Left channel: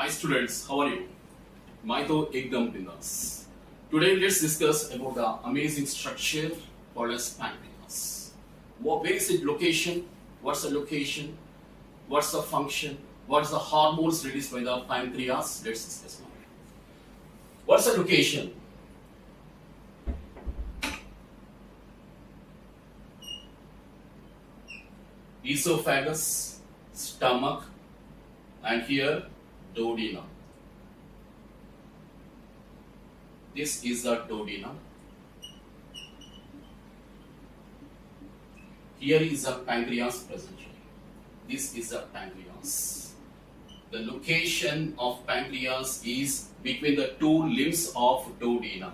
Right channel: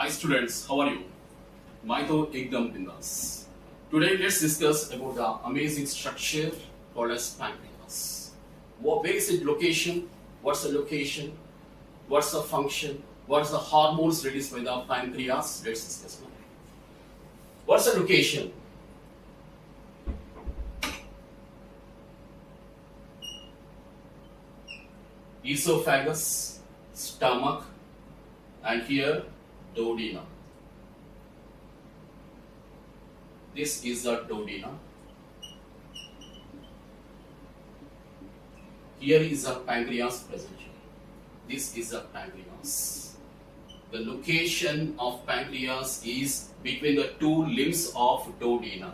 Hi students, how are you? मैं तो एकदम बिंदास. Today let's discuss about the amazing structure called as pancreas. Where is its location? What's the location? What's the function? What's the hormones released by the pancreas? Let's discuss now. What's the location? Esophagus, stomach, and here duodenum. This is the duodenum. Here is the pancreas present. This is the pancreas. The location of pancreas is between the two limbs of duodenum.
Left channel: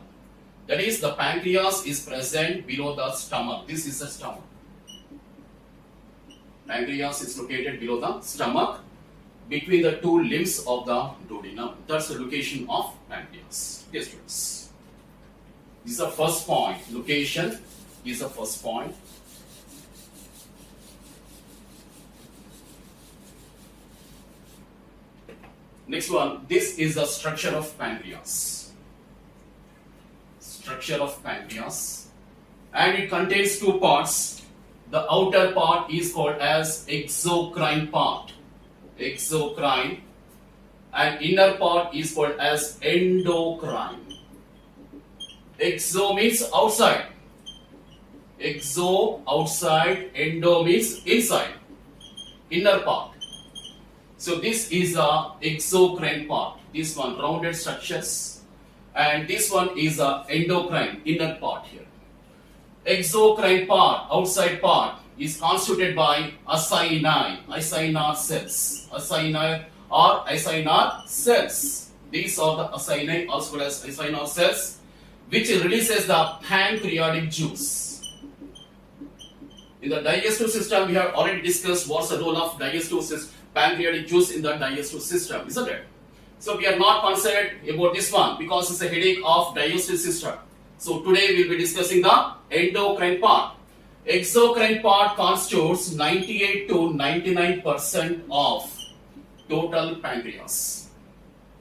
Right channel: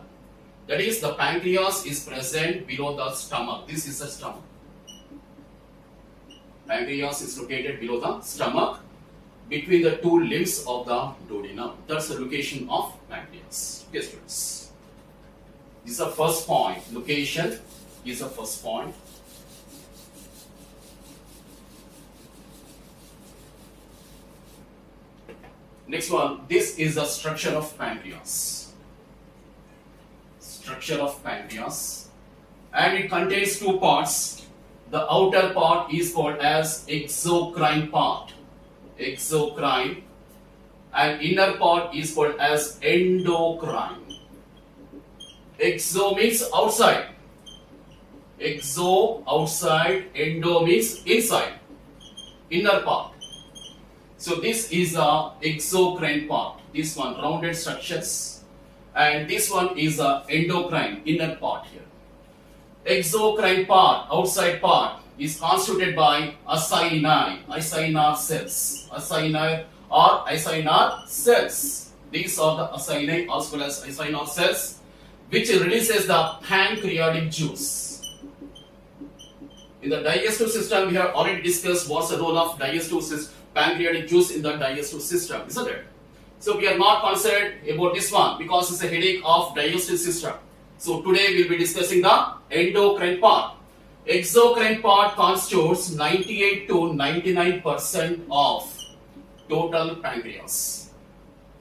That is, the pancreas is present below the stomach. This is the stomach. Pancreas is located below the stomach, between the two limbs of the duodenum. That's the location of pancreas. Yes, students. This is the first point. Location is the first point. Next one. This is the structure of pancreas. Structure of pancreas, and it contains two parts. The outer part is called as exocrine part. Exocrine, and inner part is called as endocrine. Exo means outside. Exo outside, endo means inside. Inner part. So this is the exocrine part. This one rounded structures, and this one is the endocrine inner part here. Exocrine part, outside part, is constituted by acini, acinar cells. Acini or acinar cells. These are the acini as well as acinar cells, which releases the pancreatic juice. In the digestive system, we have already discussed what's the role of pancreatic juice in the digestive system, isn't it? So we are not concerned about this one because it's a headache of digestive system. So today we will be discussing the endocrine part. Exocrine part constitutes 98 to 99% of total pancreas.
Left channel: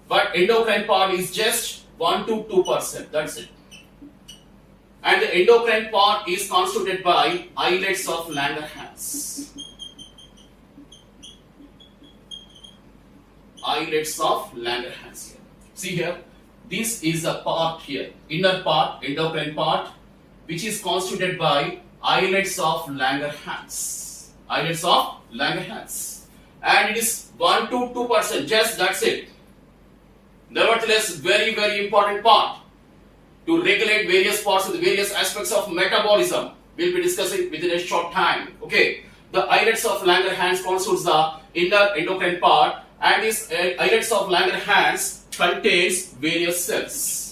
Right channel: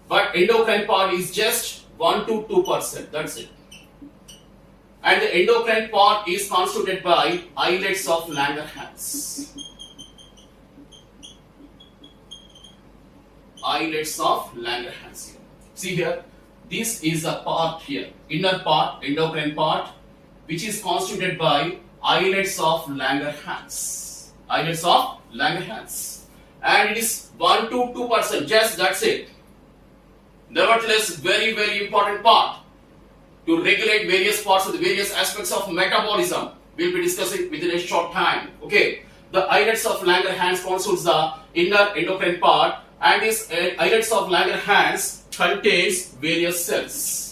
But endocrine part is just 1 to 2%. That's it. And the endocrine part is constituted by islets of Langerhans. Islets of Langerhans. See here. This is a part here, inner part, endocrine part, which is constituted by islets of Langerhans. Islets of Langerhans. And it is 1 to 2%, just that's it. Nevertheless, very, very important part to regulate various parts of the various aspects of metabolism. We'll be discussing within a short time. Okay. The islets of Langerhans constitutes the inner endocrine part, and this islets of Langerhans contains various cells.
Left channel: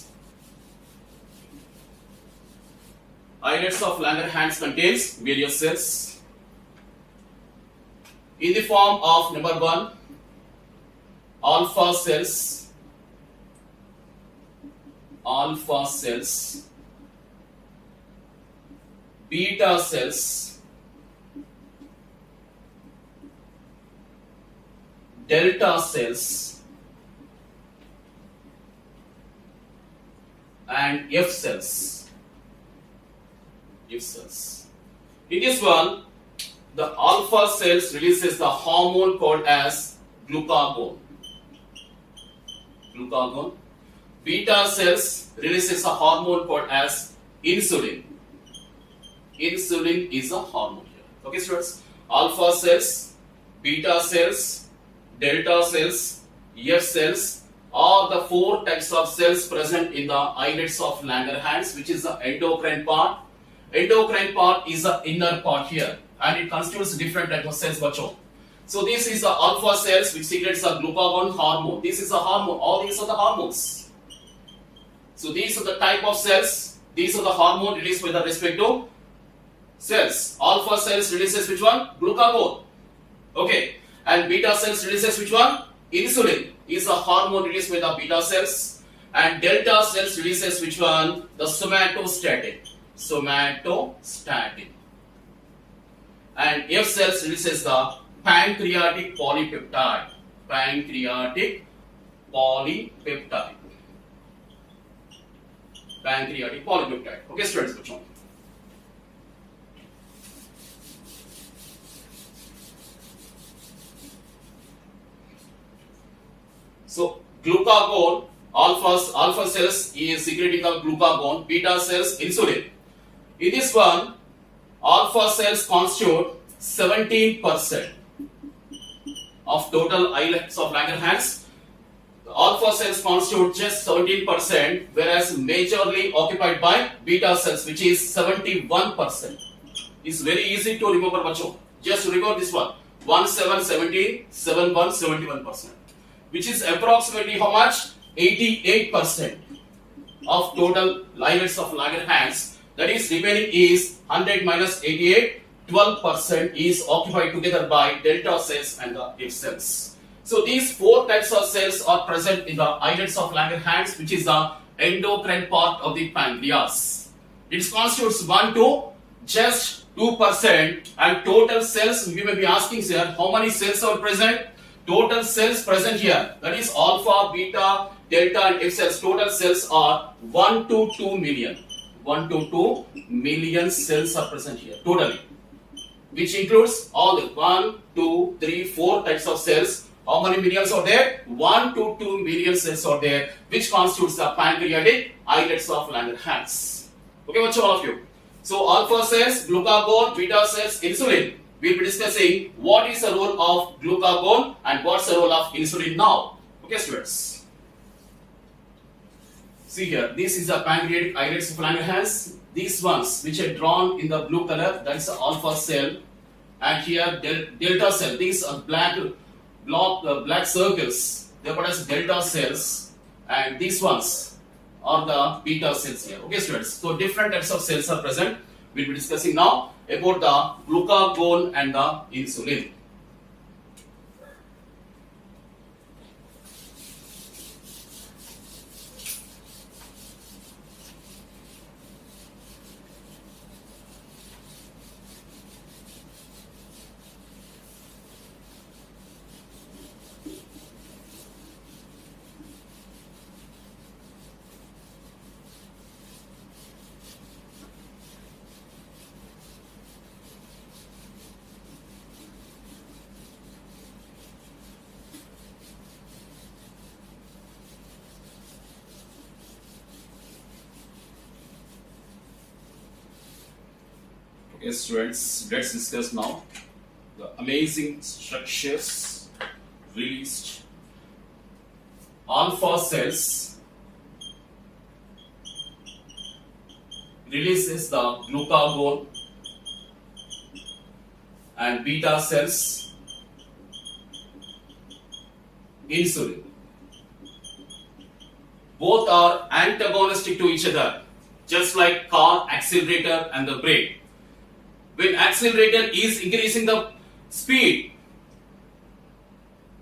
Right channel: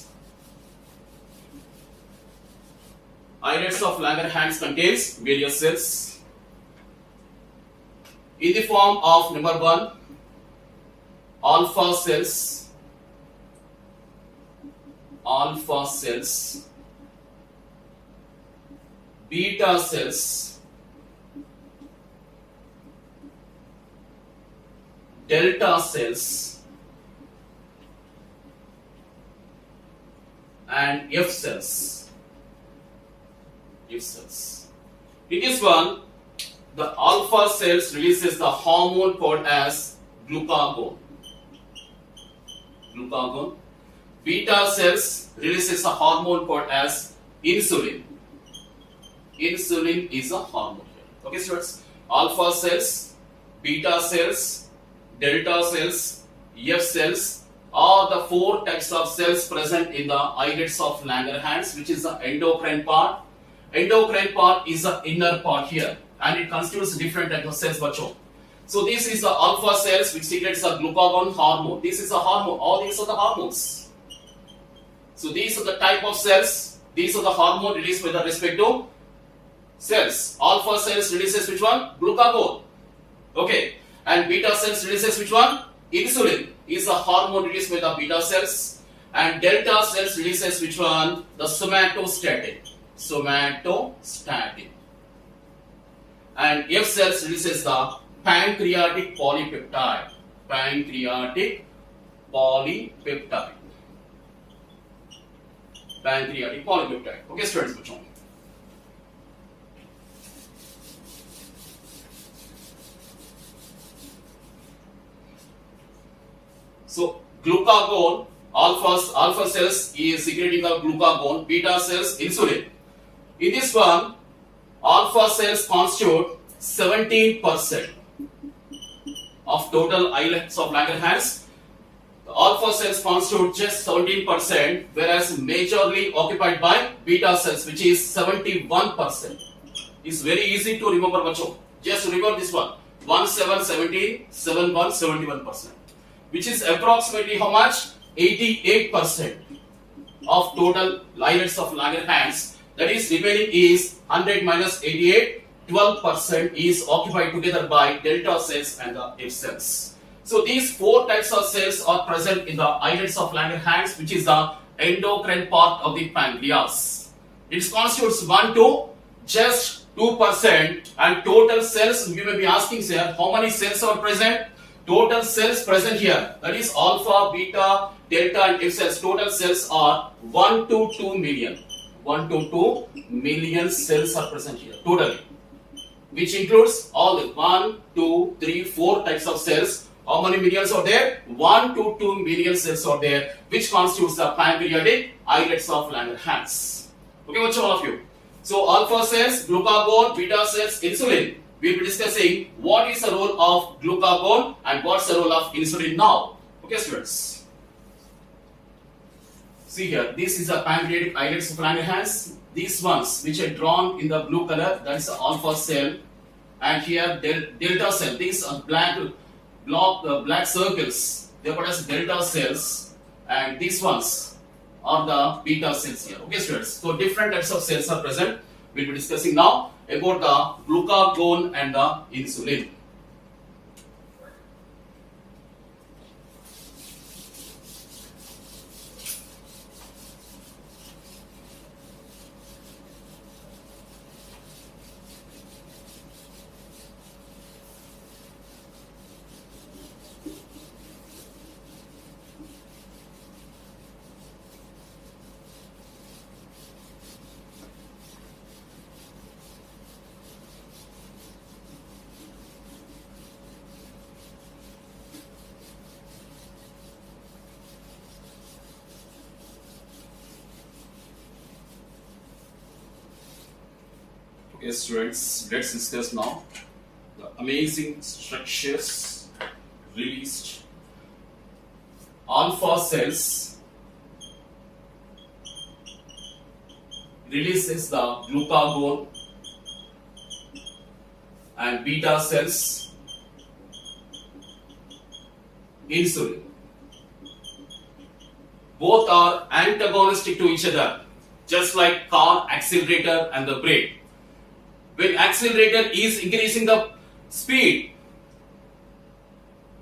Islets of Langerhans contains various cells in the form of number 1, alpha cells, beta cells, delta cells, and F cells. In this one, the alpha cells releases the hormone called as glucagon. Beta cells releases a hormone called as insulin. Insulin is a hormone here. Okay, students. Alpha cells, beta cells, delta cells, F cells are the 4 types of cells present in the islets of Langerhans, which is the endocrine part. Endocrine part is the inner part here, and it constitutes different types of cells. Bacho. So this is the alpha cells, which secretes the glucagon hormone. This is a hormone. All these are the hormones. So these are the type of cells. These are the hormone released by the respective cells. Alpha cells releases which one? Glucagon. Okay. And beta cells releases which one? Insulin is a hormone released by the beta cells, and delta cells releases which one? The somatostatin. And F cells releases the pancreatic polypeptide. polypeptide. Pancreatic polypeptide. Okay, students, बच्चों. So glucagon, alpha cells is secreting the glucagon, beta cells insulin. In this one, alpha cells constitute 17% of total islets of Langerhans. The alpha cells constitute just 17%, whereas majorly occupied by beta cells, which is 71%. It's very easy to remember, bacho. Just remember this one: 17, 17, 71, 71%, which is approximately how much? 88% of total islets of Langerhans. That is, remaining is 100 minus 88. 12% is occupied together by delta cells and the F cells. So these four types of cells are present in the islets of Langerhans, which is the endocrine part of the pancreas. It constitutes 1 to just 2%, and total cells, you may be asking here, how many cells are present? Total cells present here, that is alpha, beta, delta and F cells, total cells are 1 to 2 million. 1 to 2 million cells are present here totally, which includes all the 1, 2, 3, 4 types of cells. How many millions are there? 1 to 2 million cells are there, which constitutes the pancreatic islets of Langerhans. Okay, what's all of you? So alpha cells, glucagon, beta cells, insulin. We'll be discussing what is the role of glucagon and what's the role of insulin now. Okay, students. See here, this is the pancreatic islets of Langerhans. These ones which are drawn in the blue color, that is the alpha cell, and here delta cell. These are black circles. They are called as delta cells, and these ones are the beta cells here. Okay, students. So different types of cells are present. We'll be discussing now about the glucagon and the insulin. Yes, students, let's discuss now the amazing structures released. Alpha cells releases the glucagon, and beta cells insulin. Both are antagonistic to each other, just like car accelerator and the brake. When accelerator is increasing the speed,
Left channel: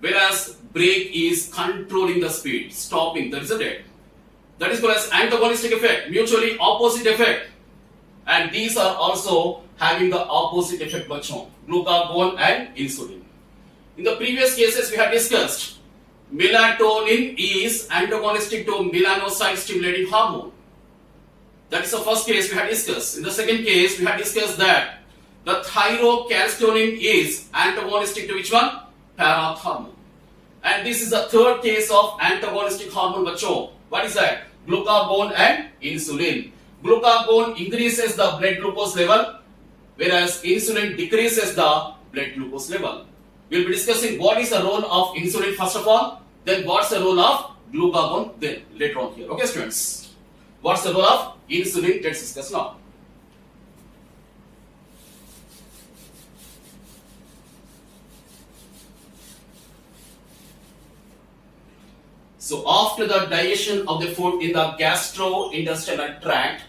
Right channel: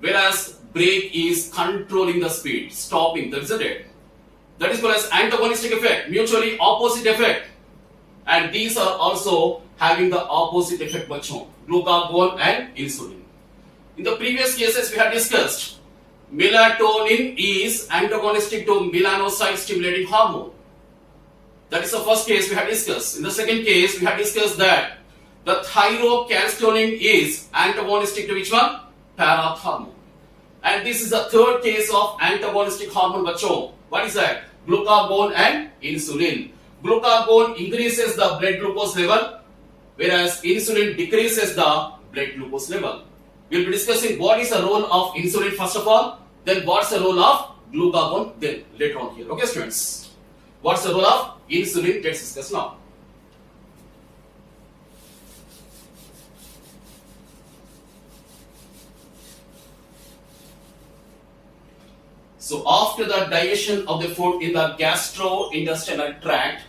whereas brake is controlling the speed, stopping, isn't it? That is called as antagonistic effect, mutually opposite effect. And these are also having the opposite effect, glucagon and insulin. In the previous cases we had discussed, melatonin is antagonistic to melanocyte stimulating hormone. That is the first case we had discussed. In the second case, we had discussed that the thyrocalcitonin is antagonistic to which one? Parathormone. And this is the third case of antagonistic hormone, bacho. What is that? Glucagon and insulin. Glucagon increases the blood glucose level, whereas insulin decreases the blood glucose level. We'll be discussing what is the role of insulin first of all, then what's the role of glucagon then later on here. Okay, students? What's the role of insulin? Let's discuss now. So after the digestion of the food in the gastrointestinal tract,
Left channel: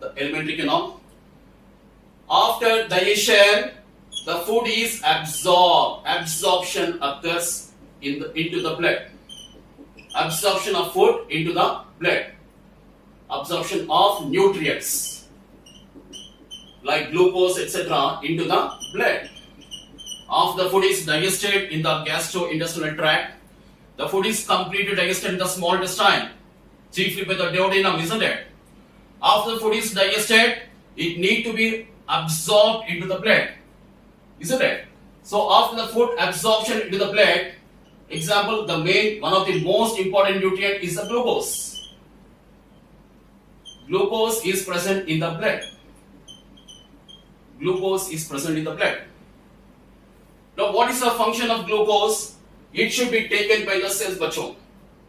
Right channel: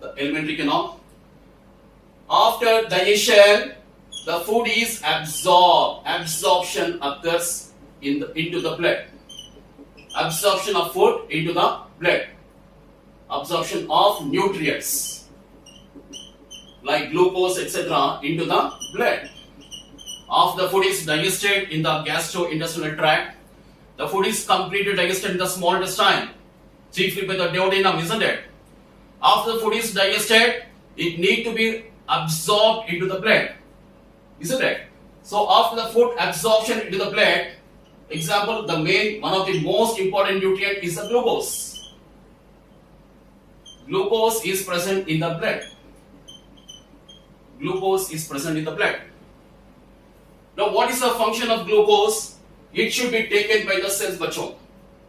the alimentary canal, after digestion, the food is absorbed. Absorption occurs into the blood. Absorption of food into the blood. Absorption of nutrients like glucose, etc. into the blood. After the food is digested in the gastrointestinal tract, The food is completely digested in the small intestine, chiefly by the duodenum, isn't it? After the food is digested, it need to be absorbed into the blood, isn't it? So after the food absorption into the blood, example, one of the most important nutrient is the glucose. Glucose is present in the blood. Glucose is present in the blood. Now, what is the function of glucose? It should be taken by the cells, bacho.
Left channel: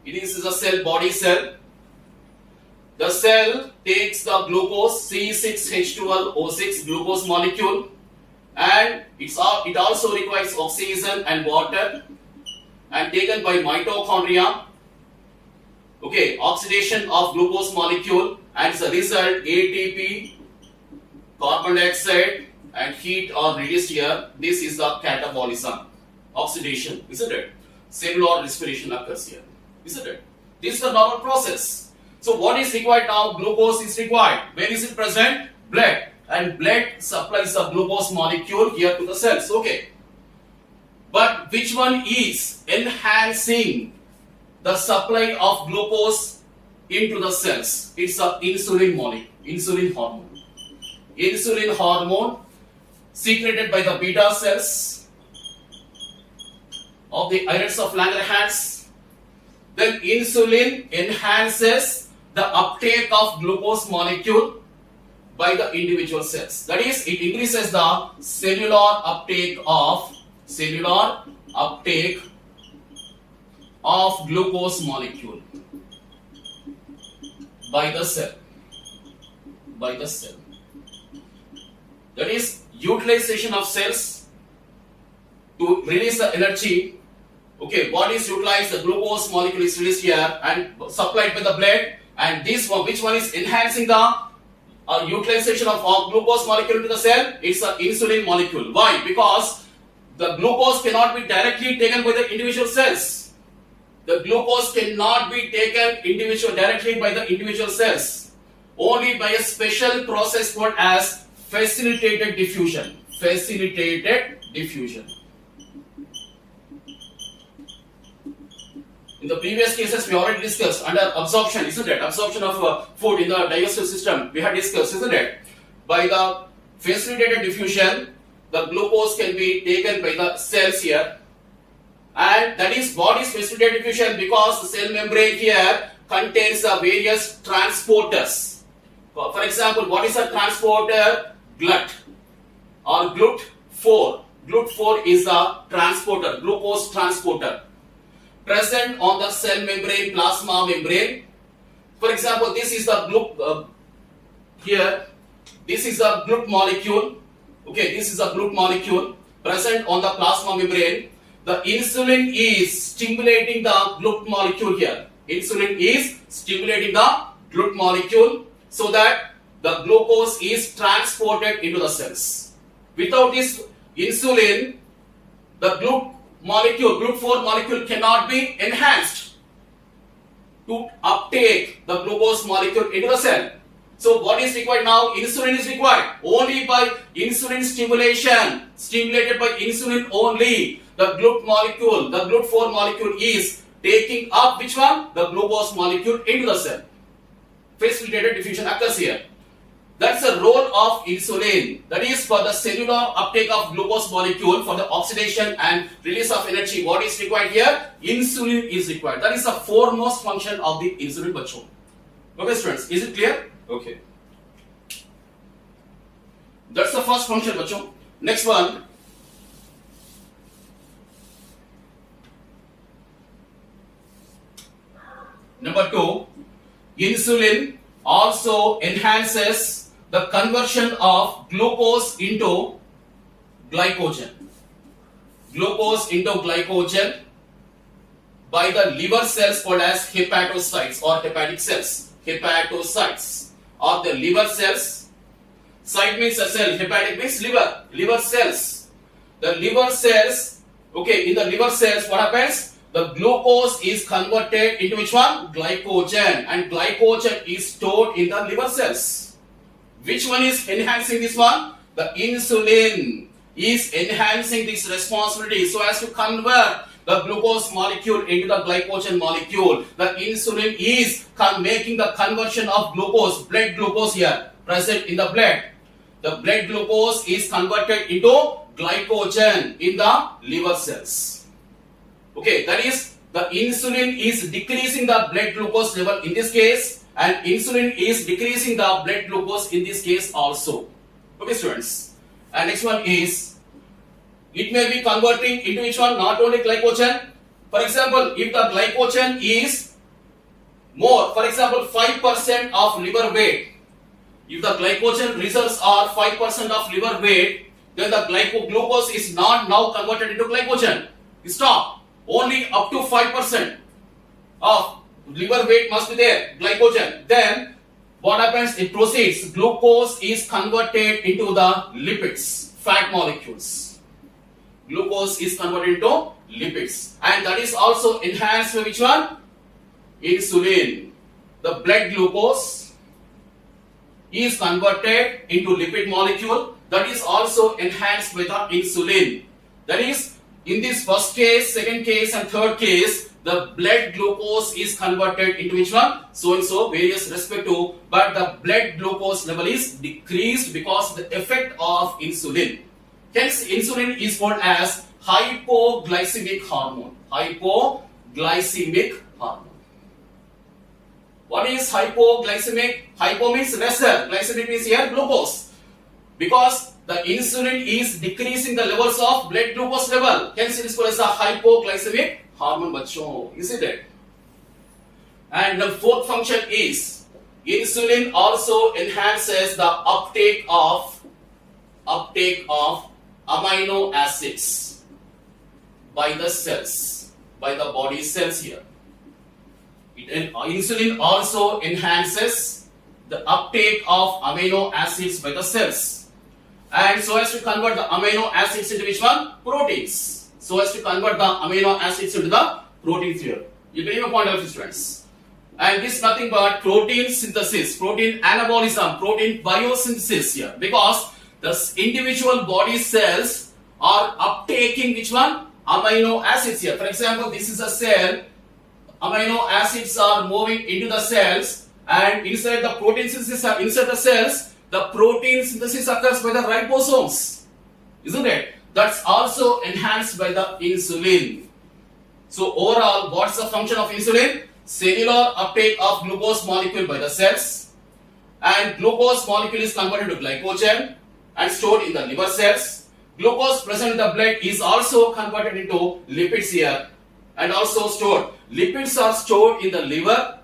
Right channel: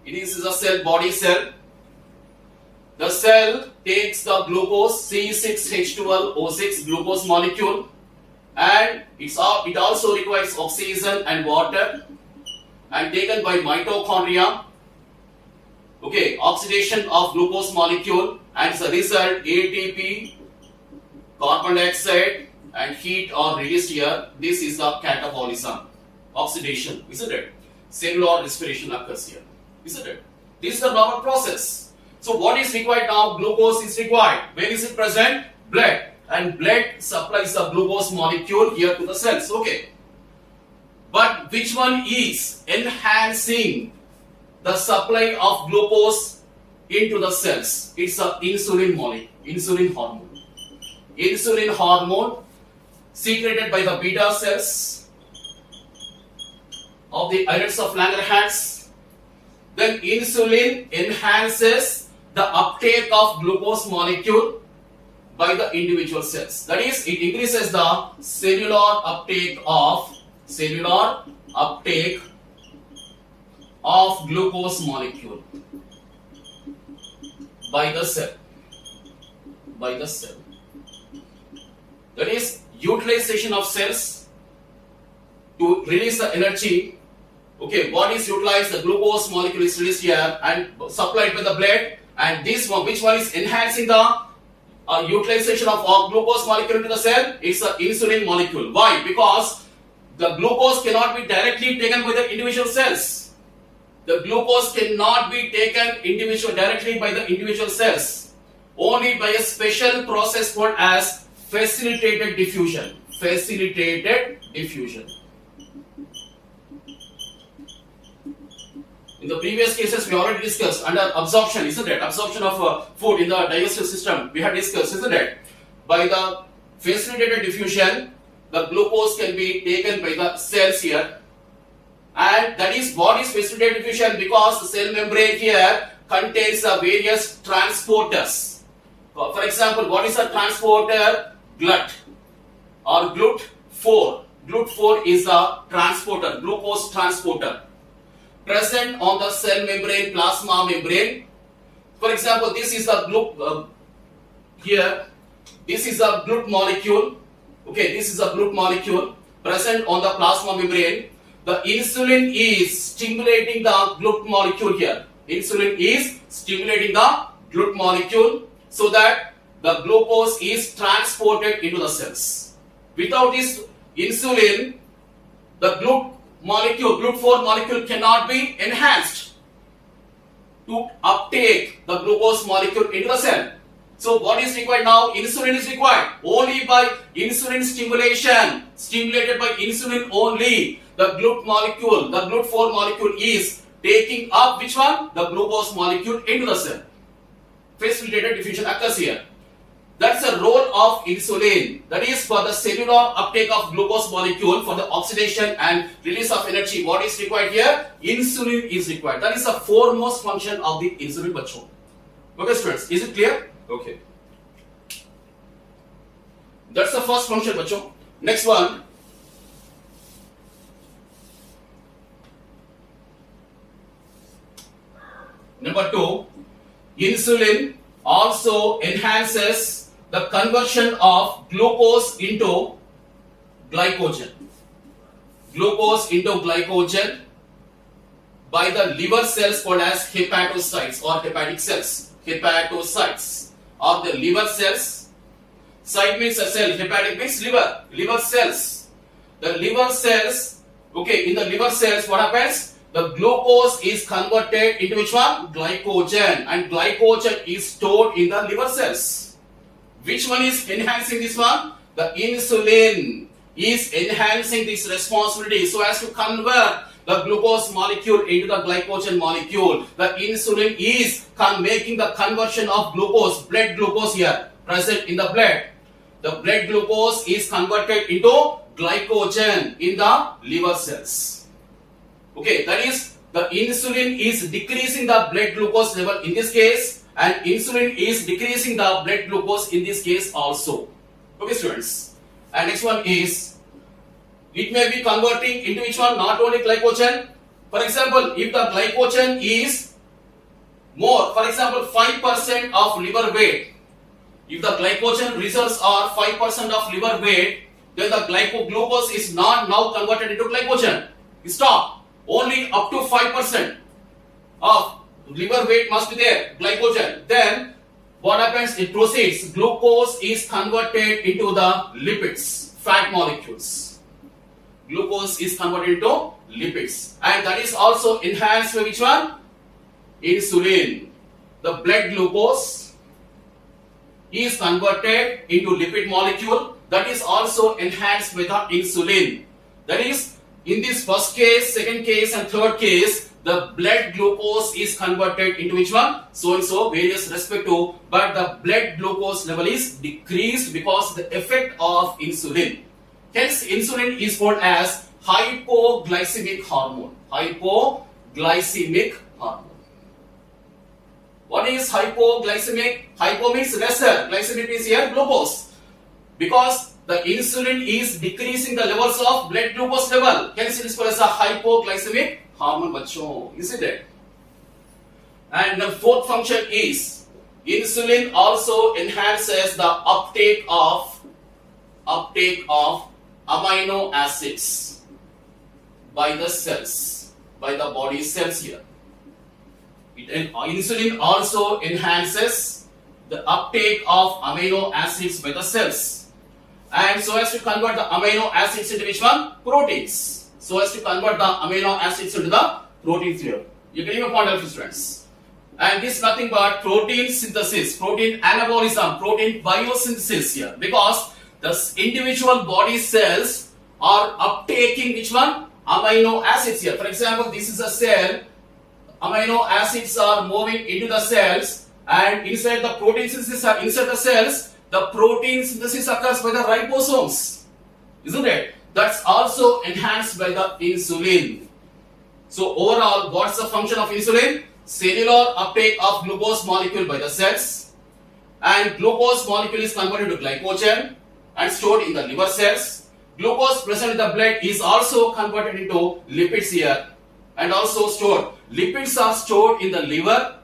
It is a cell, body cell. The cell takes the glucose, C6H12O6 glucose molecule, and it also requires oxygen and water, and taken by mitochondria. Okay, oxidation of glucose molecule, and as a result, ATP, carbon dioxide, and heat are released here. This is the catabolism, oxidation, isn't it? Cellular respiration occurs here, isn't it? This is the normal process. So what is required now? Glucose is required. Where is it present? Blood. And blood supplies the glucose molecule here to the cells. Okay. But which one is enhancing the supply of glucose into the cells? It's the insulin molecule, insulin hormone. Insulin hormone secreted by the beta cells of the islets of Langerhans. Then insulin enhances the uptake of glucose molecule by the individual cells. That is, it increases the cellular uptake of glucose molecule by the cell. That is, utilization of cells to release the energy. Okay, what is utilized? The glucose molecule is released here and supplied by the blood. And this one, which one is enhancing the utilization of glucose molecule into the cell? It's the insulin molecule. Why? Because the glucose cannot be directly taken by the individual cells. The glucose cannot be taken directly by the individual cells. Only by a special process called as facilitated diffusion. Facilitated diffusion. In the previous cases, we already discussed under absorption, isn't it? Absorption of food in the digestive system, we had discussed, isn't it? By the facilitated diffusion, the glucose can be taken by the cells here. And that is what is facilitated diffusion, because the cell membrane here contains various transporters. For example, what is a transporter? GLUT or GLUT4. GLUT4 is a transporter, glucose transporter, present on the cell membrane, plasma membrane. For example, this is the here. This is a GLUT molecule. Okay, this is a GLUT molecule present on the plasma membrane. The insulin is stimulating the GLUT molecule here. Insulin is stimulating the GLUT molecule so that the glucose is transported into the cells. Without this insulin, the GLUT4 molecule cannot be enhanced to uptake the glucose molecule into the cell. So what is required now? Insulin is required. Only by insulin stimulation, stimulated by insulin only, the GLUT4 molecule is taking up which one? The glucose molecule into the cell. Facilitated diffusion occurs here. That's the role of insulin. That is for the cellular uptake of glucose molecule for the oxidation and release of energy. What is required here? Insulin is required. That is the foremost function of the insulin, bacho. Okay, students, is it clear? Okay. That's the first function, bacho. Next one. Number 2, insulin also enhances the conversion of glucose into glycogen. Glucose into glycogen by the liver cells called as hepatocytes or hepatic cells. Hepatocytes or the liver cells. Cyte means a cell, hepatic means liver. Liver cells. The liver cells, okay, in the liver cells what happens? The glucose is converted into which one? Glycogen, and glycogen is stored in the liver cells. Which one is enhancing this one? The insulin is enhancing this responsibility so as to convert the glucose molecule into the glycogen molecule. The insulin is making the conversion of glucose, blood glucose here, present in the blood. The blood glucose is converted into glycogen in the liver cells. Okay, that is, the insulin is decreasing the blood glucose level in this case, and insulin is decreasing the blood glucose in this case also. Okay, students. And next one is, it may be converting into which one? Not only glycogen. For example, if the glycogen is more, for example, 5% of liver weight, if the glycogen reserves are 5% of liver weight, then the glucose is not now converted into glycogen. Stop. Only up to 5% of liver weight must be there, glycogen. Then what happens? It proceeds. Glucose is converted into the lipids, fat molecules. Glucose is converted into lipids, and that is also enhanced by which one? Insulin. The blood glucose is converted into lipid molecule, that is also enhanced with the insulin. That is, in this first case, second case and third case, the blood glucose is converted into which one? So and so, various respective, but the blood glucose level is decreased because of the effect of insulin. Hence, insulin is called as hypoglycemic hormone. Hypoglycemic hormone. What is hypoglycemic? Hypo means lesser. Glycemic means here glucose. Because the insulin is decreasing the levels of blood glucose level. Hence, it is called as a hypoglycemic hormone, bachcho. Isn't it? And the fourth function is, insulin also enhances the uptake of amino acids by the cells, by the body cells here. Insulin also enhances the uptake of amino acids by the cells, and so as to convert the amino acids into which one? Proteins. So as to convert the amino acids into the proteins here. You can even point out this, friends. And this is nothing but protein synthesis, protein anabolism, protein biosynthesis here, because the individual body cells are uptaking which one? Amino acids here. For example, this is a cell. Amino acids are moving into the cells, and inside the protein synthesis inside the cells, the protein synthesis occurs by the ribosomes, isn't it? That's also enhanced by the insulin. So overall, what's the function of insulin? Cellular uptake of glucose molecule by the cells, and glucose molecule is converted to glycogen and stored in the liver cells. Glucose present in the blood is also converted into lipids here, and also stored. Lipids are stored in the liver,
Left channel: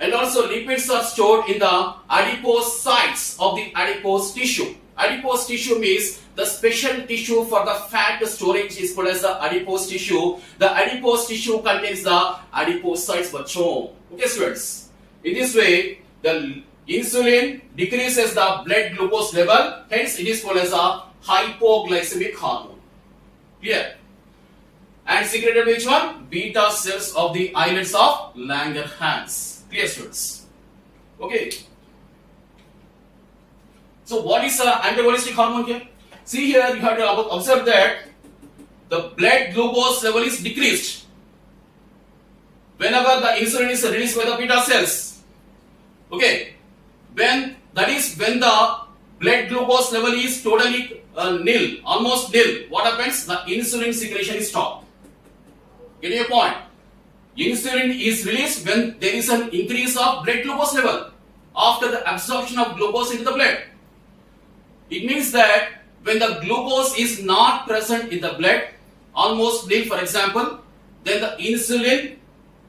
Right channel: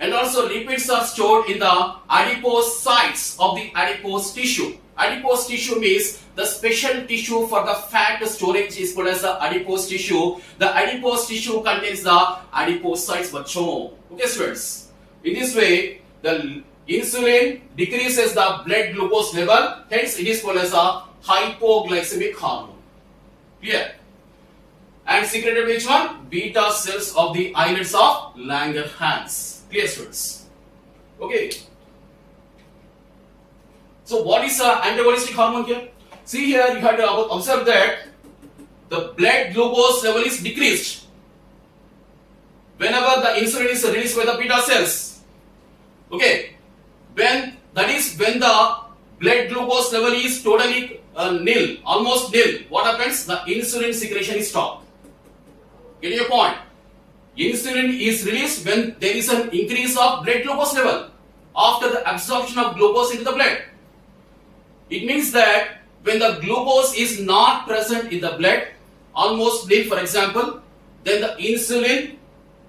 and also lipids are stored in the adipose sites of the adipose tissue. Adipose tissue means the special tissue for the fat storage is called as the adipose tissue. The adipose tissue contains the adipocytes, bachcho. Okay, students. In this way, the insulin decreases the blood glucose level. Hence, it is called as a hypoglycemic hormone. Clear? And secreted which one? Beta cells of the islets of Langerhans. Clear, students? Okay. So what is antagonistic hormone here? See here, you have to observe that the blood glucose level is decreased whenever the insulin is released by the beta cells. Okay. When the blood glucose level is totally nil, almost nil, what happens? The insulin secretion is stopped. Get your point? Insulin is released when there is an increase of blood glucose level after the absorption of glucose into the blood. It means that when the glucose is not present in the blood, almost nil for example, then the insulin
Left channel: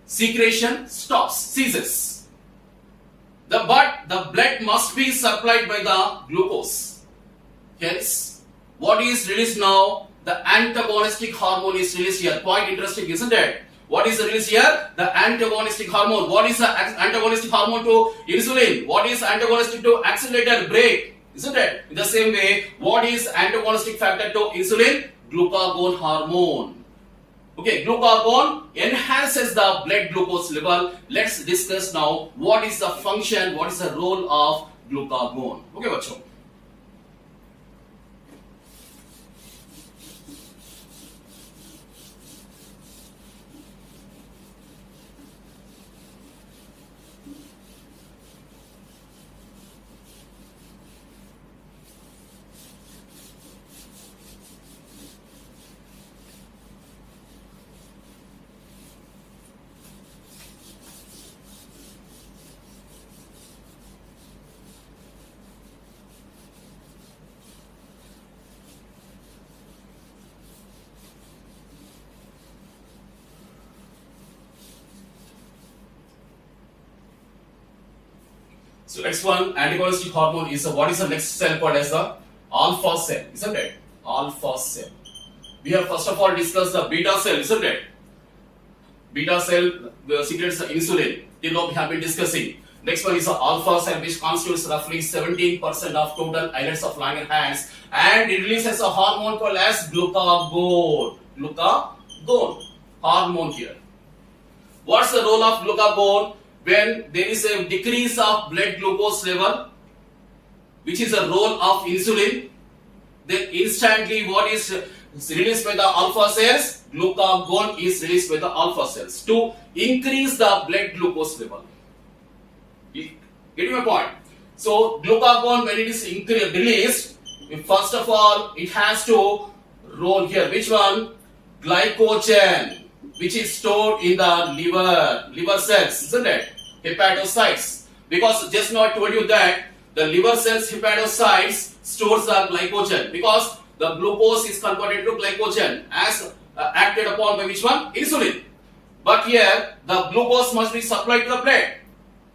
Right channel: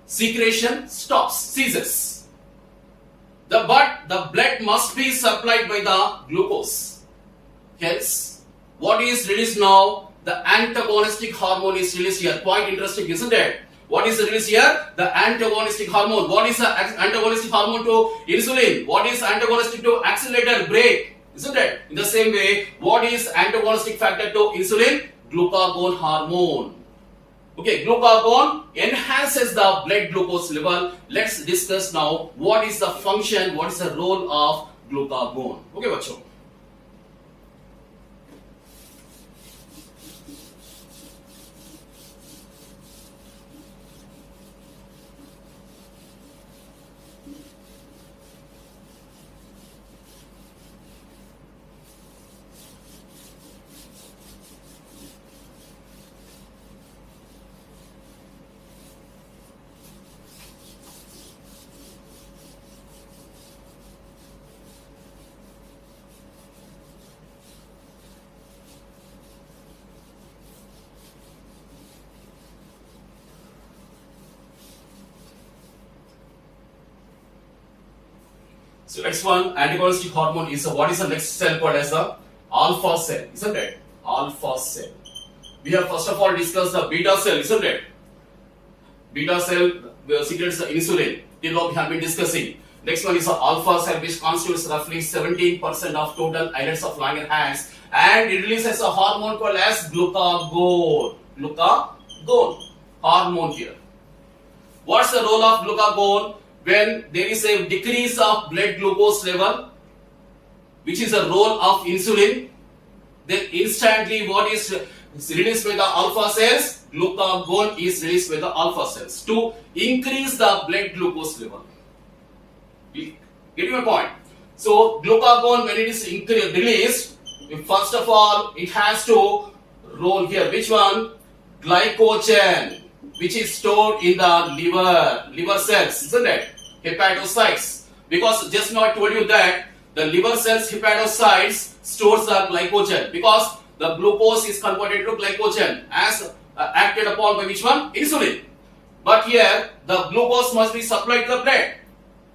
secretion ceases. But the blood must be supplied by the glucose. Hence, what is released now? The antagonistic hormone is released here. Quite interesting, isn't it? What is released here? The antagonistic hormone. What is the antagonistic hormone to insulin? What is antagonistic to accelerator brake? Isn't it? In the same way, what is antagonistic factor to insulin? Glucagon hormone. Okay, glucagon enhances the blood glucose level. Let's discuss now what is the function, what is the role of glucagon. Okay, bachcho. So next one, antagonistic hormone is what is the next cell called as the alpha cell, isn't it? Alpha cell. We have first of all discussed the beta cell, isn't it? Beta cell secretes the insulin. Till now we have been discussing. Next one is the alpha cell, which constitutes roughly 17% of total islets of Langerhans, and it releases a hormone called as glucagon. Glucagon hormone here. What's the role of glucagon? When there is a decrease of blood glucose level, which is the role of insulin, then instantly what is released by the alpha cells? Glucagon is released by the alpha cells to increase the blood glucose level. Get my point? So glucagon, when it is released, first of all it has to roll here. Which one? Glycogen, which is stored in the liver cells, isn't it? Hepatocytes. Because just now I told you that the liver cells, hepatocytes stores the glycogen, because the glucose is converted to glycogen as acted upon by which one? Insulin. But here the glucose must be supplied to the blood.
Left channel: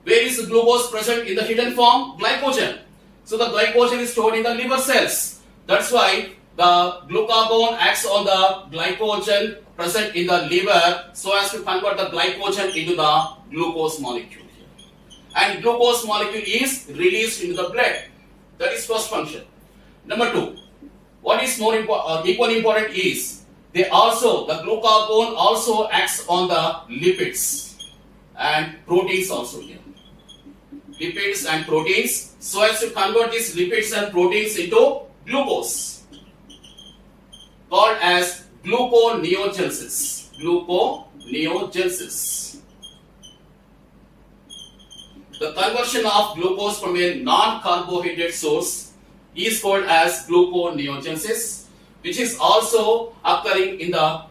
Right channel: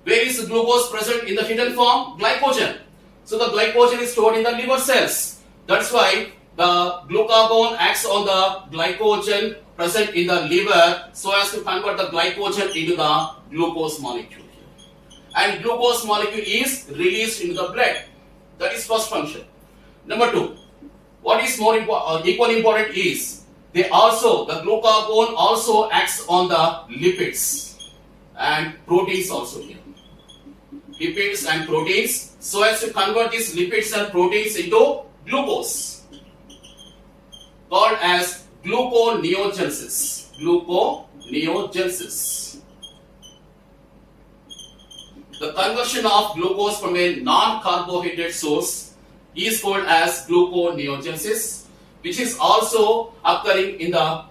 Where is the glucose present in the hidden form? Glycogen. So the glycogen is stored in the liver cells. That's why the glucagon acts on the glycogen present in the liver so as to convert the glycogen into the glucose molecule. And glucose molecule is released into the blood. That is first function. Number two, what is more equally important is the glucagon also acts on the lipids and proteins also here. Lipids and proteins so as to convert these lipids and proteins into glucose, called as gluconeogenesis. Gluconeogenesis. The conversion of glucose from a non-carbohydrate source is called as gluconeogenesis, which is also occurring in the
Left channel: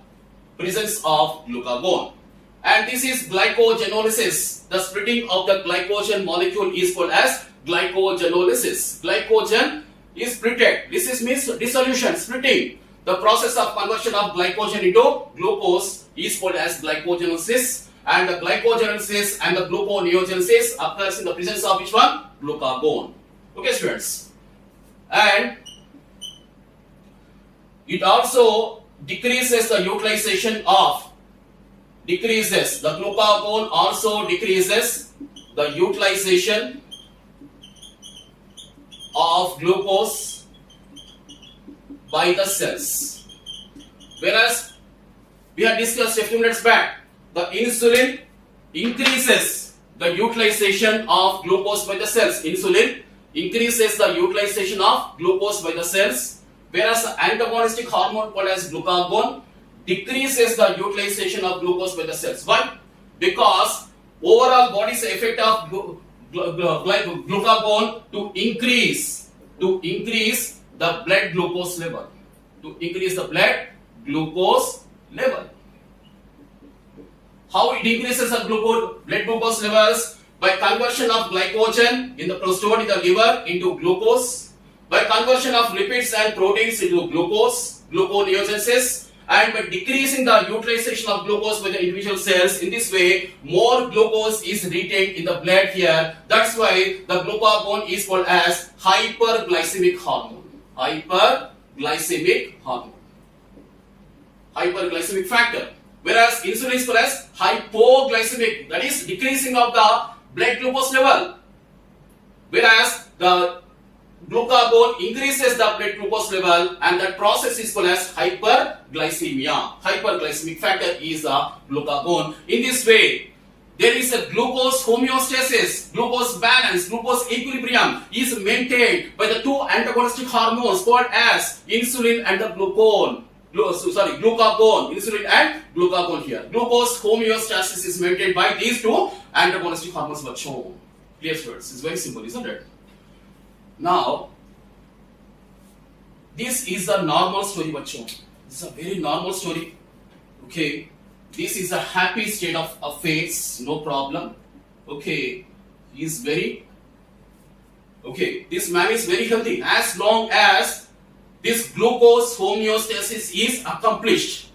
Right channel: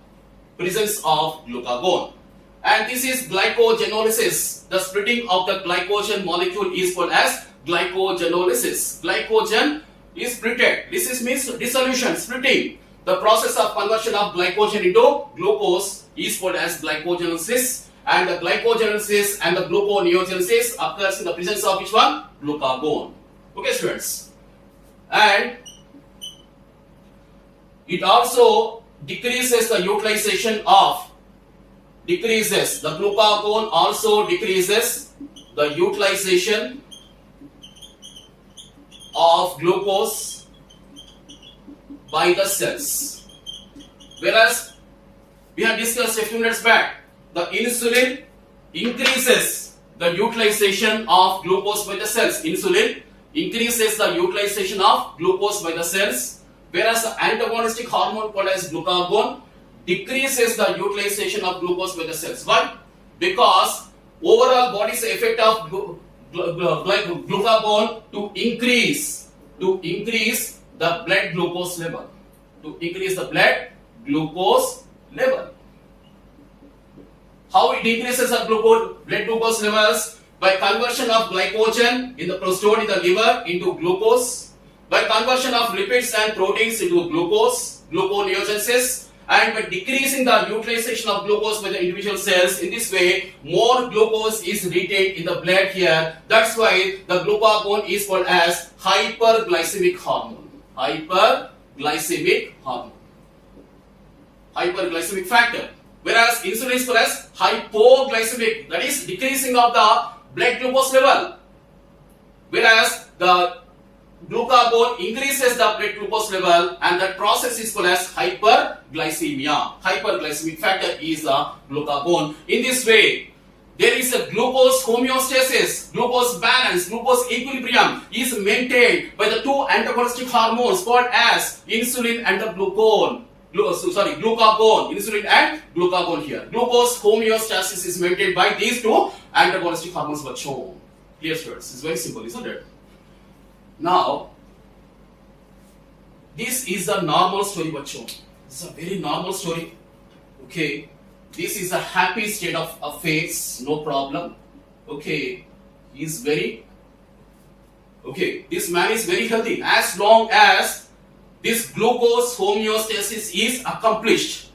presence of glucagon. And this is glycogenolysis. The splitting of the glycogen molecule is called as glycogenolysis. Glycogen is splitted. This means dissolution, splitting. The process of conversion of glycogen into glucose is called as glycogenolysis. And the glycogenolysis and the gluconeogenesis occurs in the presence of which one? Glucagon. Okay, students. And it also decreases the utilization of the glucagon also decreases the utilization of glucose by the cells. Whereas we had discussed a few minutes back, the insulin increases the utilization of glucose by the cells. Insulin increases the utilization of glucose by the cells, whereas the antagonistic hormone called as glucagon decreases the utilization of glucose by the cells. Why? Because overall what is the effect of glucagon? To increase the blood glucose level. To increase the blood glucose level. How it increases the blood glucose levels? By conversion of glycogen stored in the liver into glucose, by conversion of lipids and proteins into glucose, gluconeogenesis, and by decreasing the utilization of glucose by the individual cells. In this way, more glucose is retained in the blood here. That's why the glucagon is called as hyperglycemic hormone. Hyperglycemic hormone. Hyperglycemic factor. Whereas insulin is called as hypoglycemic, that is decreasing of the blood glucose level. Whereas the glucagon increases the blood glucose level, and that process is called as hyperglycemia. Hyperglycemic factor is a glucagon. In this way, there is a glucose homeostasis, glucose balance, glucose equilibrium is maintained by the two antagonistic hormones called as insulin and the glucagon, insulin and glucagon here. Glucose homeostasis is maintained by these two antagonistic hormones. Clear, students? It's very simple, isn't it? Now, this is the normal story, bachcho. It's a very normal story. Okay, this is a happy state of affairs, no problem. Okay, this man is very healthy as long as this glucose homeostasis is accomplished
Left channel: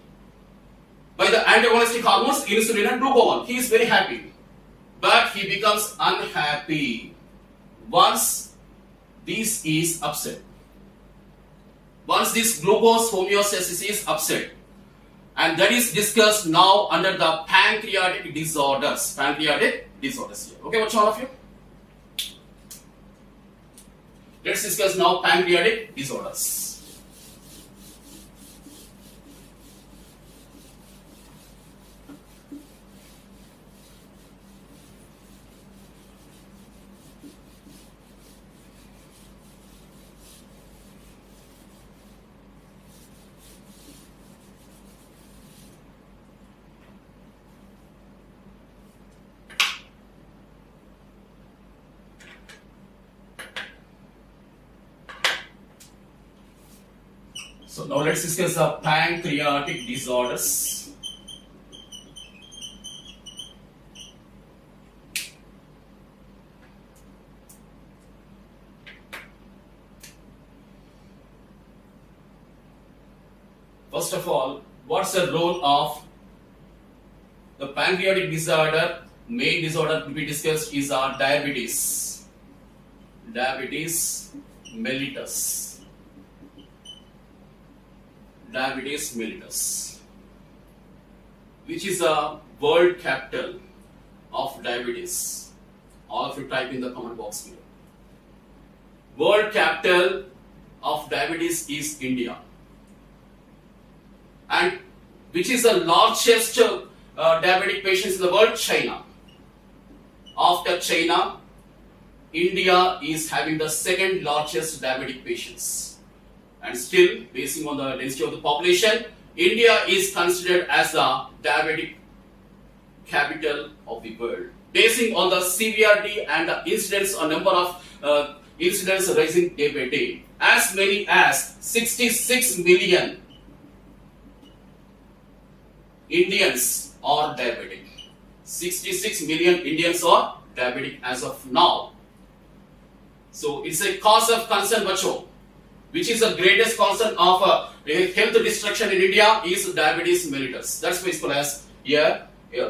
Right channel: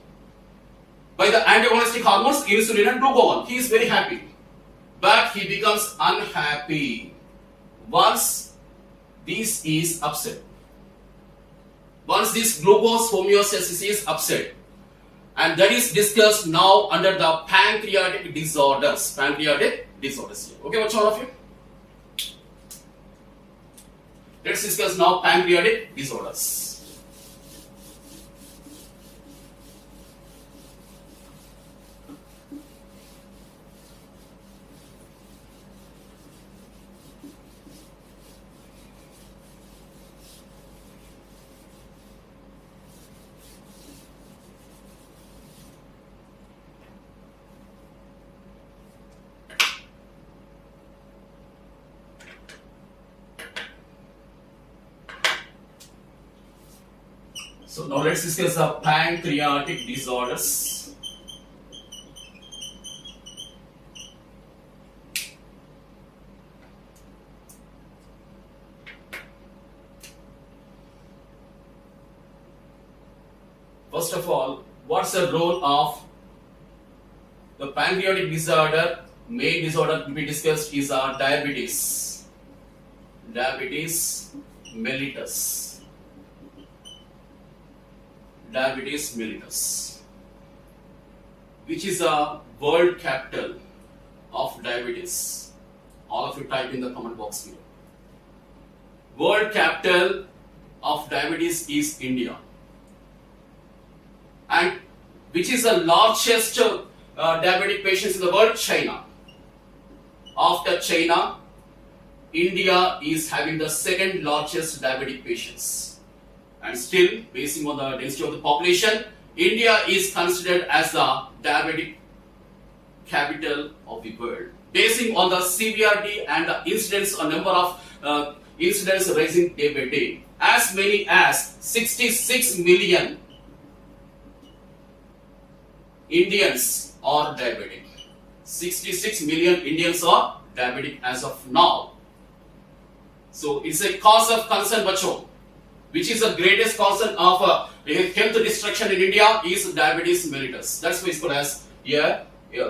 by the antagonistic hormones insulin and glucagon. He is very happy, but he becomes unhappy once this is upset, once this glucose homeostasis is upset, and that is discussed now under the pancreatic disorders. Pancreatic disorders here. Okay, what's all of you? Let's discuss now pancreatic disorders. So now let's discuss the pancreatic disorders. First of all, what's the role of the pancreatic disorder? Main disorder to be discussed is diabetes. Diabetes mellitus. Diabetes mellitus, which is the world capital of diabetes. All of you type in the comment box here. World capital of diabetes is India. And which is the largest diabetic patients in the world? China. After China, India is having the second largest diabetic patients. And still, based on the density of the population, India is considered as the diabetic capital of the world. Basing on the severity and the incidence, a number of incidents rising day by day. As many as 66 million Indians are diabetic. 66 million Indians are diabetic as of now. So it's a cause of concern, bacho. Which is the greatest concern of health destruction in India is diabetes mellitus. That's why it's called as here.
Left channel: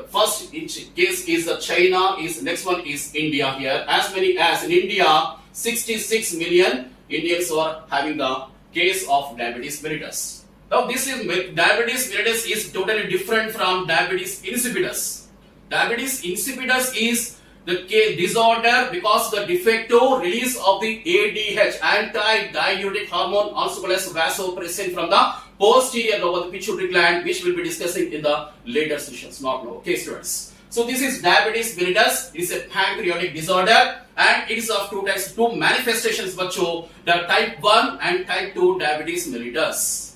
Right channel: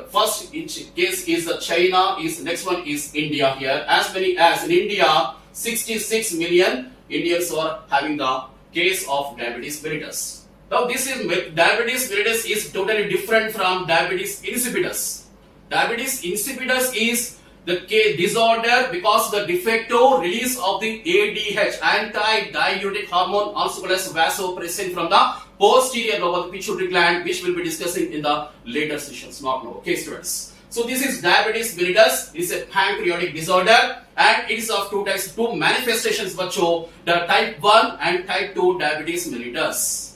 First case is China, is next one is India here. As many as in India, 66 million Indians are having the case of diabetes mellitus. Now this is diabetes mellitus is totally different from diabetes insipidus. Diabetes insipidus is the disorder because the defective release of the ADH, anti-diuretic hormone, also called as vasopressin, from the posterior lobe of the pituitary gland, which we'll be discussing in the later sessions, not now. Okay, students. So this is diabetes mellitus. It is a pancreatic disorder, and it is of two types, two manifestations, bacho, the type 1 and type 2 diabetes mellitus.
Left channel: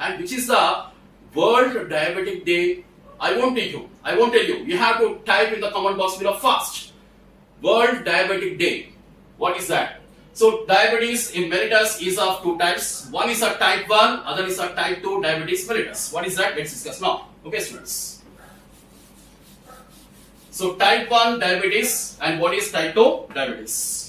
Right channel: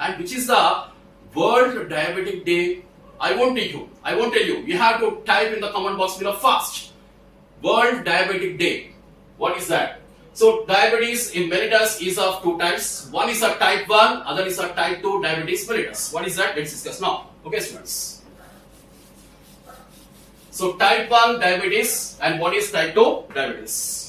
And which is the World Diabetic Day? I won't tell you. You have to type in the comment box below first. World Diabetic Day. What is that? So diabetes in mellitus is of two types. One is a type 1, other is a type 2 diabetes mellitus. What is that? Let's discuss now. Okay, students. So type 1 diabetes, and what is type 2 diabetes?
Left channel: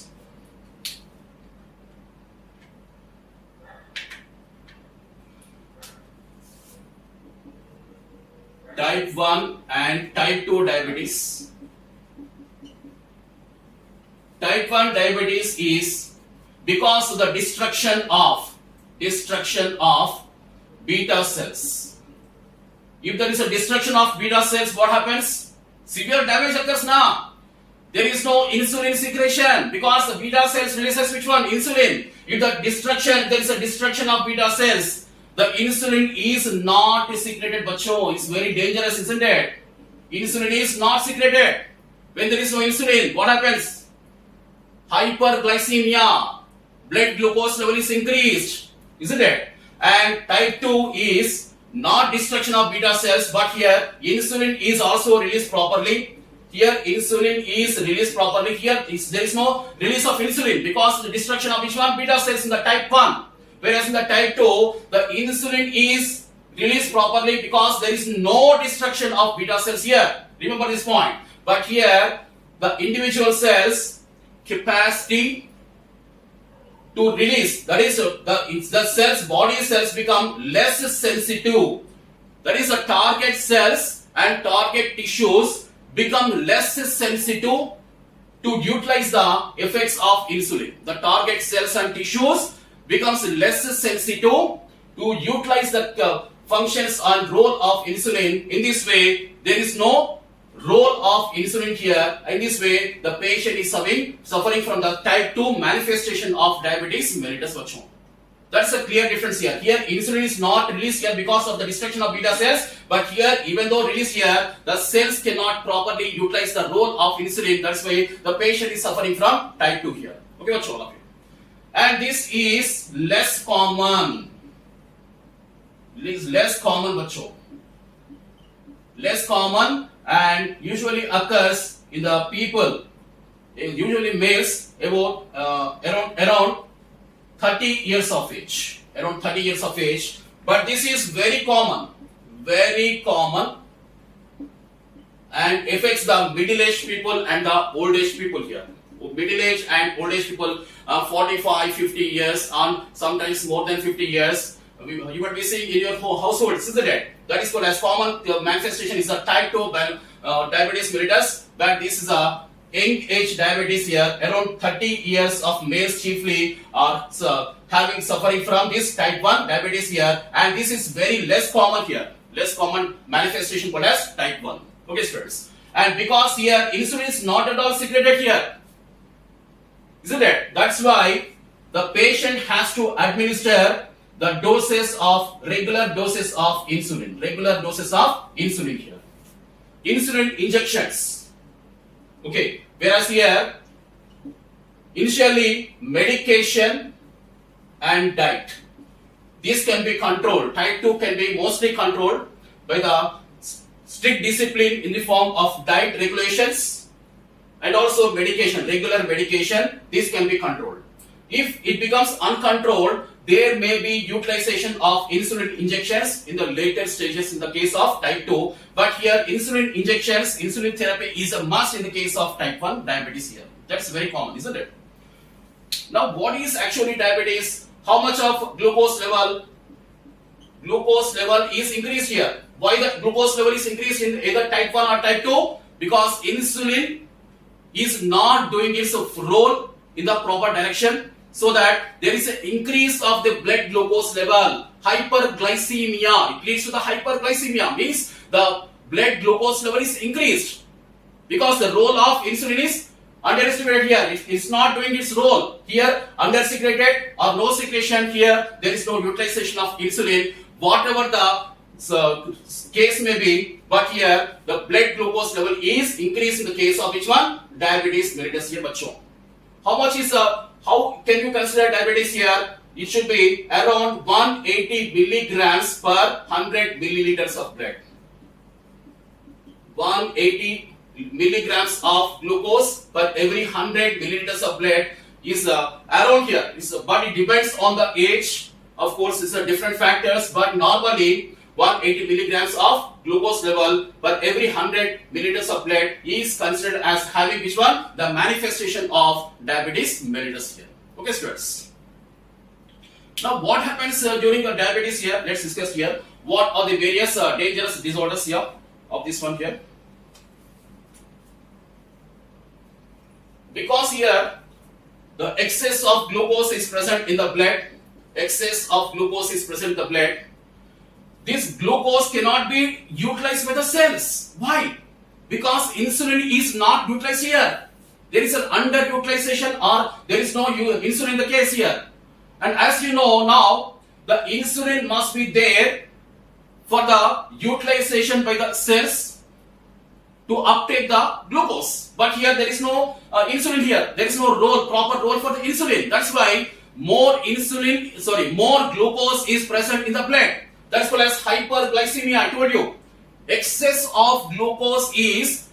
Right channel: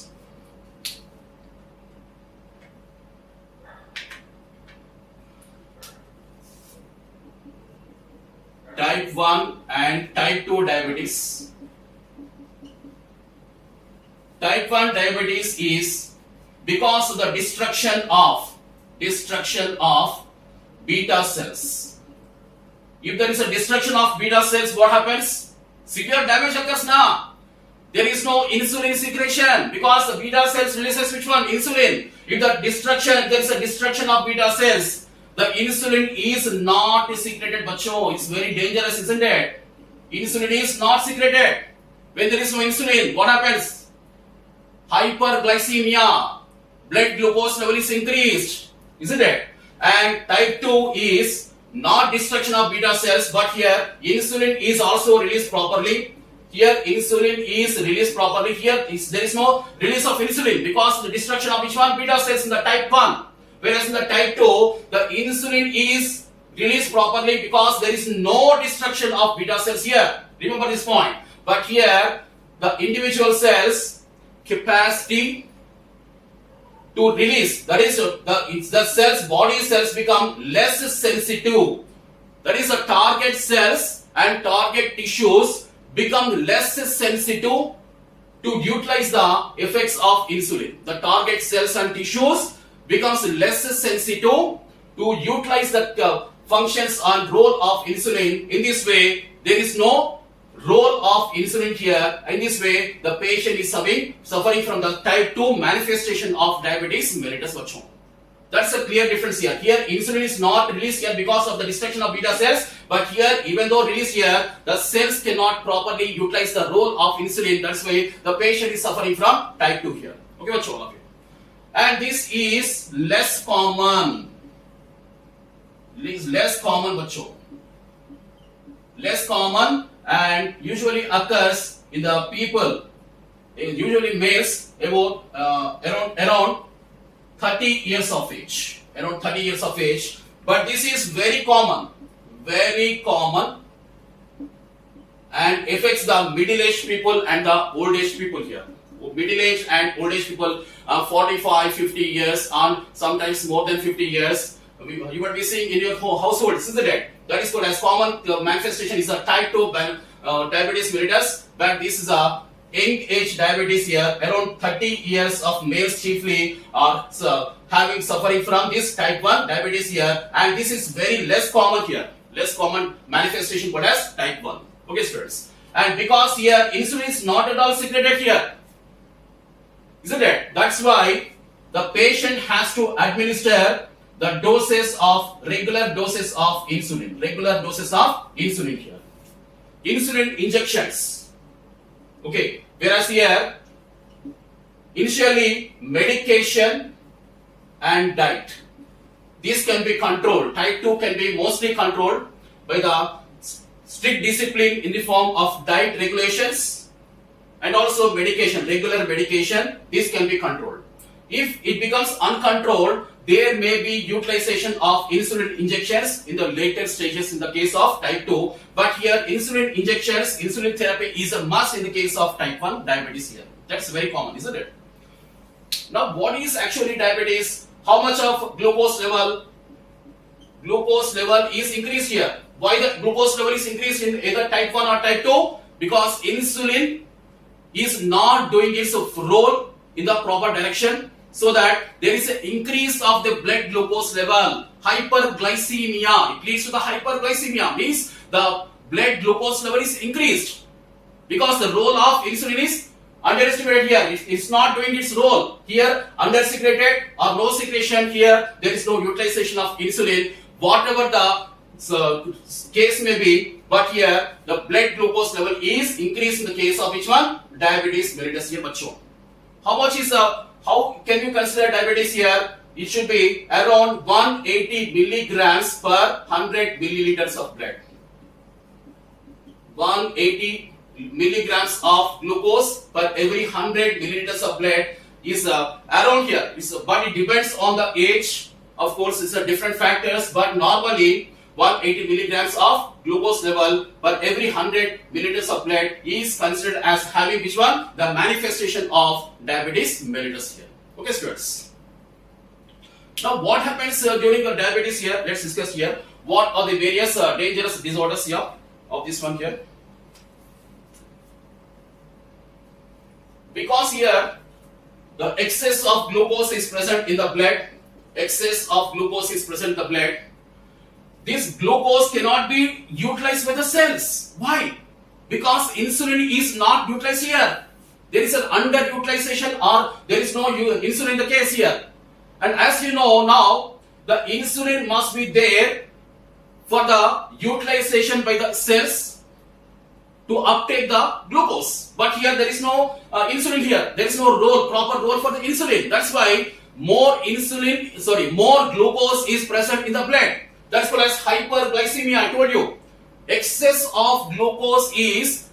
Type 1 and type 2 diabetes. Type 1 diabetes is because of the destruction of beta cells. If there is a destruction of beta cells, what happens? Severe damage occurs now. There is no insulin secretion because the beta cells releases which one? Insulin. If there is a destruction of beta cells, the insulin is not secreted, bacho. It's very dangerous, isn't it? Insulin is not secreted. When there is no insulin, what happens? Hyperglycemia. Blood glucose level is increased, isn't it? And type 2 is not destruction of beta cells, but here insulin is also released properly. Here insulin is released properly. Here there is no release of insulin because the destruction of which one? Beta cells in the type 1. Whereas in the type 2, the insulin is released properly because there is no destruction of beta cells here. Remember this point. But here, the individual cells capacity to release, that is the cells, body cells become less sensitive. That is the target cells and target tissues become less sensitive to utilize the effects of insulin. The target cells and tissues becomes less sensitive to utilize the functions and role of insulin. In this way, there is no role of insulin here. In this way, the patient is suffering from the type 2 manifestation of diabetes mellitus. That's a clear difference here. Here, insulin is not released here because of the destruction of beta cells. But here, even though released here, the cells cannot properly utilize the role of insulin. That's why the patient is suffering from type 2 here. Okay, all of you. And this is less common. This is less common, bacho. Less common and usually occurs in the people, usually males about around 30 years of age. Around 30 years of age. But this is very common and affects the middle-aged people and the old-aged people here. Middle-aged and old-aged people, 45, 50 years, and sometimes more than 50 years. You might be seeing in your household, isn't it? That is called as common manifestation is a type 2 diabetes mellitus, but this is a young age diabetes here. Around 30 years of males chiefly are suffering from this type 1 diabetes here, and this is very less common here. Less common manifestation called as type 1. Okay, students. And because here insulin is not at all secreted here, isn't it? That's why the patient has to administer the regular doses of insulin. Regular doses of insulin here. Insulin injections. Okay. Whereas here, initially medication and diet. This can be controlled. Type 2 can be mostly controlled by the strict discipline in the form of diet regulations and also medication, regular medication. This can be controlled. If it becomes uncontrolled, there may be utilization of insulin injections in the later stages in the case of type 2. But here insulin injections, insulin therapy is a must in the case of type 1 diabetes here. That's very common, isn't it? Now what is actually diabetes? How much of glucose level? Glucose level is increased here. Why the glucose level is increased in either type 1 or type 2? Because insulin is not doing its role in the proper direction, so that there is an increase of the blood glucose level. Hyperglycemia. It leads to the hyperglycemia. Means the blood glucose level is increased because the role of insulin is underestimated here. It's not doing its role. Here, undersecreted or no secretion here, there is no utilization of insulin. Whatever the case may be, but here the blood glucose level is increased in the case of which one? Diabetes mellitus here, bacho. How can you consider diabetes here? It should be around 180 milligrams per 100 milliliters of blood. 180 milligrams of glucose per every 100 milliliters of blood is around here. But it depends on the age. Of course, it's different factors, but normally 180 milligrams of glucose level per every 100 milliliters of blood is considered as having which one? The manifestation of diabetes mellitus here. Okay, students. Now, what happens during the diabetes here? Let's discuss here. What are the various dangerous disorders here of this one here? Because here the excess of glucose is present in the blood. Excess of glucose is present in the blood. This glucose cannot be utilized by the cells. Why? Because insulin is not utilized here. There is an underutilization or there is no insulin in the case here. And as you know now, the insulin must be there for the utilization by the cells to uptake the glucose. But here there is no insulin here. There is no proper role for the insulin. That's why more glucose is present in the blood. That's called as hyperglycemia. I told you. Excess of glucose is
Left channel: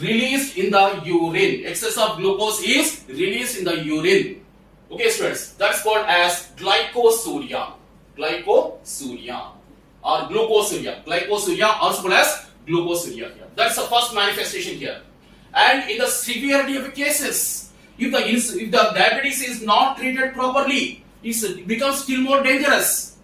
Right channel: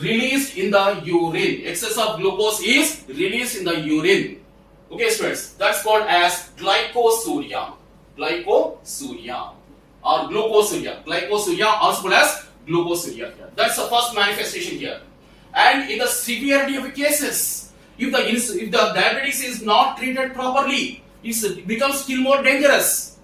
released in the urine. Excess of glucose is released in the urine. Okay, students. That's called as glycosuria. Glycosuria or glucosuria. Glycosuria also called as glucosuria here. That's the first manifestation here. And in the severity of cases, if the diabetes is not treated properly, it becomes still more dangerous.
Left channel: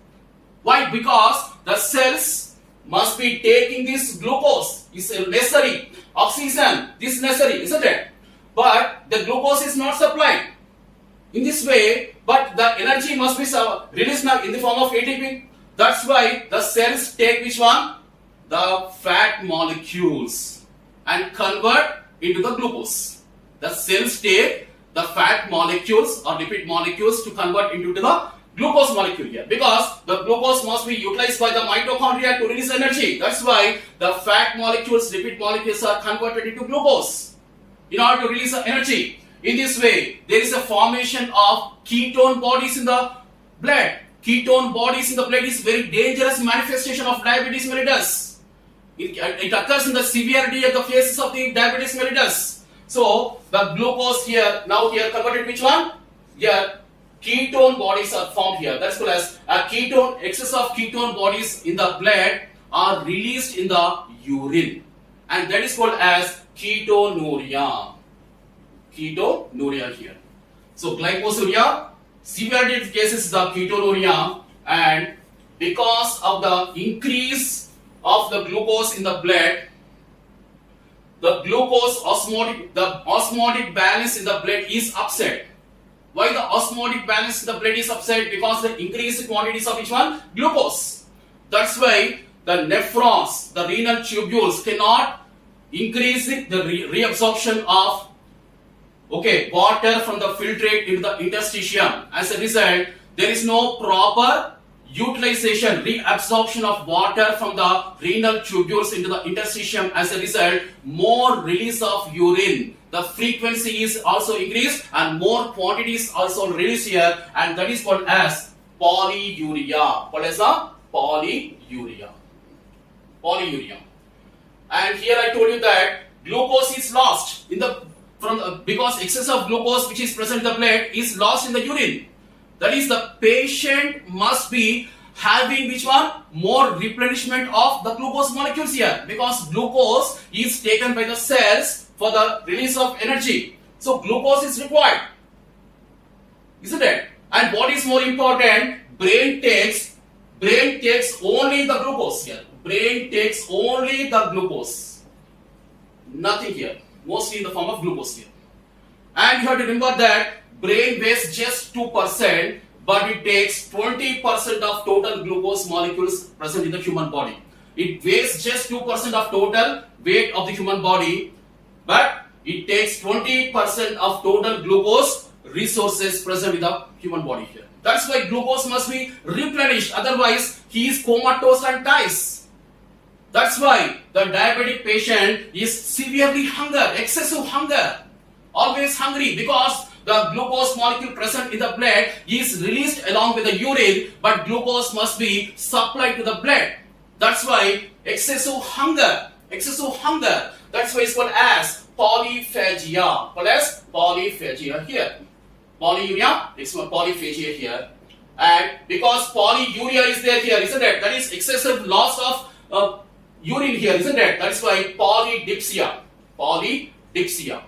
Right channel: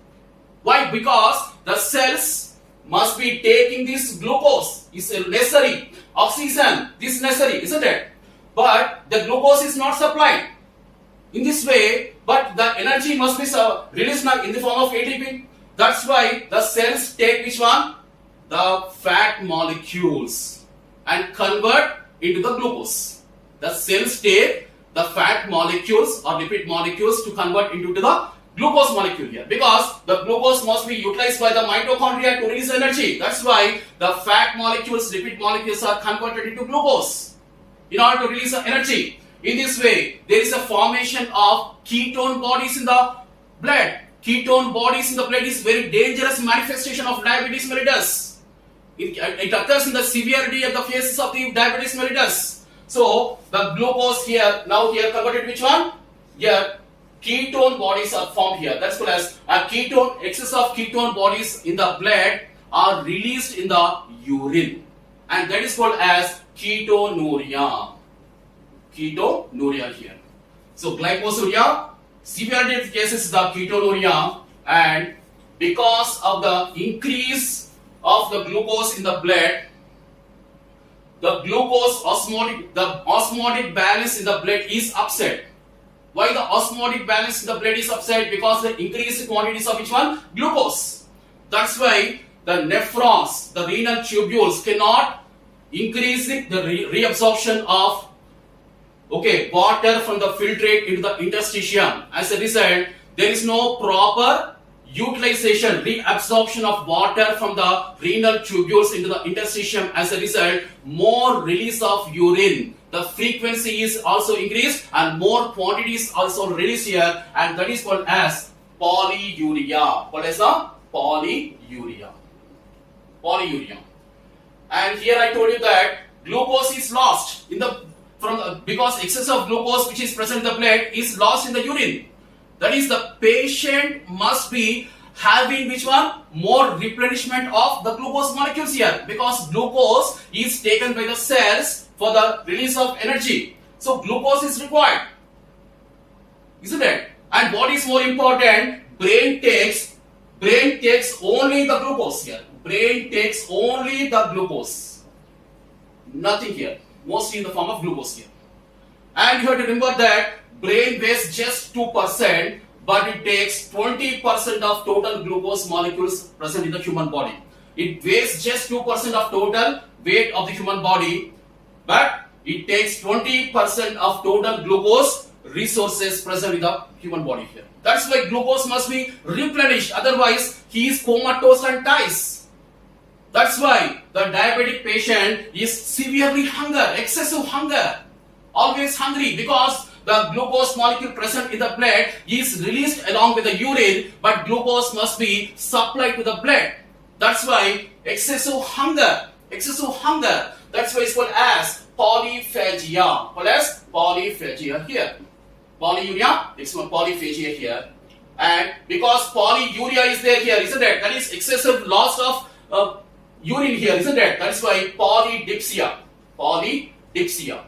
Why? Because the cells must be taking this glucose. It's necessary. Oxygen, this is necessary, isn't it? but the glucose is not supplied in this way, but the energy must be released now in the form of ATP. That's why the cells take which one? The fat molecules and convert into the glucose. The cells take the fat molecules or lipid molecules to convert into the glucose molecule here, because the glucose must be utilized by the mitochondria to release energy. That's why the fat molecules, lipid molecules are converted into glucose in order to release the energy. In this way, there is a formation of ketone bodies in the blood. Ketone bodies in the blood is very dangerous manifestation of diabetes mellitus. It occurs in the severity of the phases of the diabetes mellitus. So the glucose here, now here converted which one? Here ketone bodies are formed here. That's called as a ketone. Excess of ketone bodies in the blood are released in the urine, and that is called as ketonuria. Ketonuria here. So glycosuria, severity of cases is the ketonuria, and because of the increase of the glucose in the blood, the glucose osmotic balance in the blood is upset. Why the osmotic balance in the blood is upset? Because the increased quantities of which one? Glucose. That's why the nephrons, the renal tubules cannot increase the reabsorption of water from the filtrate into the interstitium. As a result, there is no proper utilization, reabsorption of water from the renal tubules into the interstitium. As a result, more release of urine. The frequency is also increased and more quantities also released here, and that is called as polyuria. What is the polyuria? Polyuria. And here I told you that glucose is lost in the because excess of glucose which is present in the blood is lost in the urine. That is, the patient must be having which one? More replenishment of the glucose molecules here, because glucose is taken by the cells for the release of energy. So glucose is required, isn't it? And what is more important? Brain takes only the glucose here. Brain takes only the glucose. Nothing here. Mostly in the form of glucose here. And you have to remember that brain weighs just 2%, but it takes 20% of total glucose molecules present in the human body. It weighs just 2% of total weight of the human body, but it takes 20% of total glucose resources present in the human body here. That's why glucose must be replenished, otherwise he is comatose and dies. That's why the diabetic patient is severely excessive hunger, always hungry, because the glucose molecule present in the blood is released along with the urine, but glucose must be supplied to the blood. That's why excessive hunger. That's why it's called as polyphagia. Called as polyphagia here. Polyuria, it's called polyphagia here. And because polyuria is there here, isn't it? That is excessive loss of urine here, isn't it? That's why polydipsia. Polydipsia.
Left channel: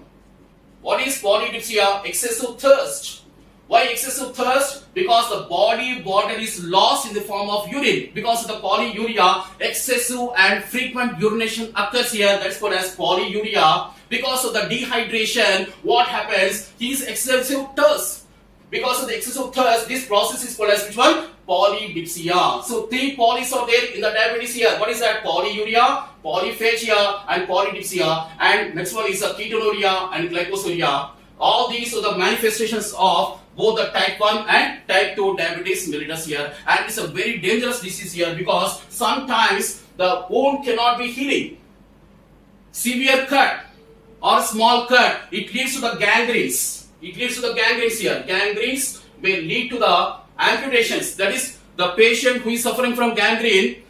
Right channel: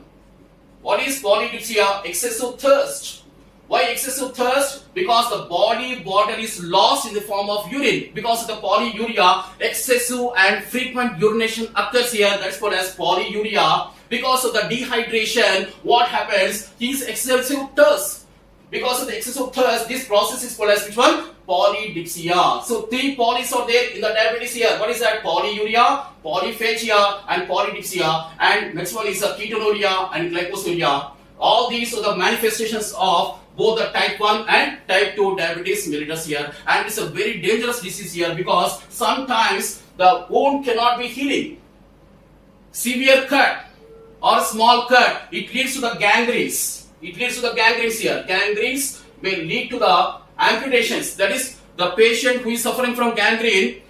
What is polydipsia? Excessive thirst. Why excessive thirst? Because the body water is lost in the form of urine. Because of the polyuria, excessive and frequent urination occurs here. That's called as polyuria. Because of the dehydration, what happens? He is excessive thirst. Because of the excessive thirst, this process is called as which one? Polydipsia. So 3 polys are there in the diabetes here. What is that? Polyuria, polyphagia, and polydipsia. And next one is the ketonuria and glycosuria. All these are the manifestations of both the type 1 and type 2 diabetes mellitus here. And it's a very dangerous disease here, because sometimes the wound cannot be healing. Severe cut or small cut, it leads to the gangrenes. It leads to the gangrenes here. Gangrenes may lead to the amputations. That is, the patient who is suffering from gangrene,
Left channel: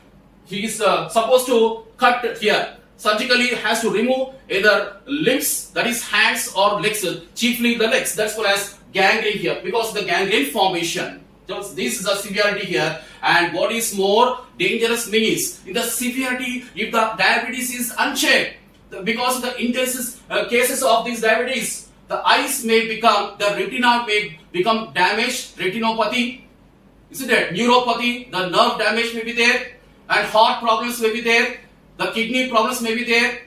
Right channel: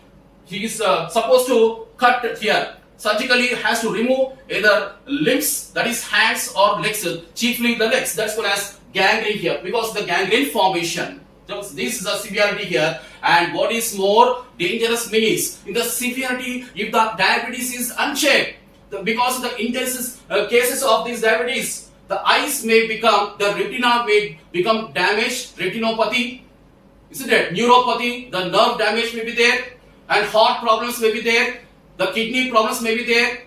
he is supposed to cut here. Surgically has to remove either limbs, that is hands or legs, chiefly the legs. That's called as gangrene here, because of the gangrene formation. So this is the severity here. And what is more dangerous means, in the severity, if the diabetes is unchecked, because of the intense cases of this diabetes, the eyes may become, the retina may become damaged, retinopathy, isn't it? Neuropathy, the nerve damage may be there, and heart problems may be there, the kidney problems may be there,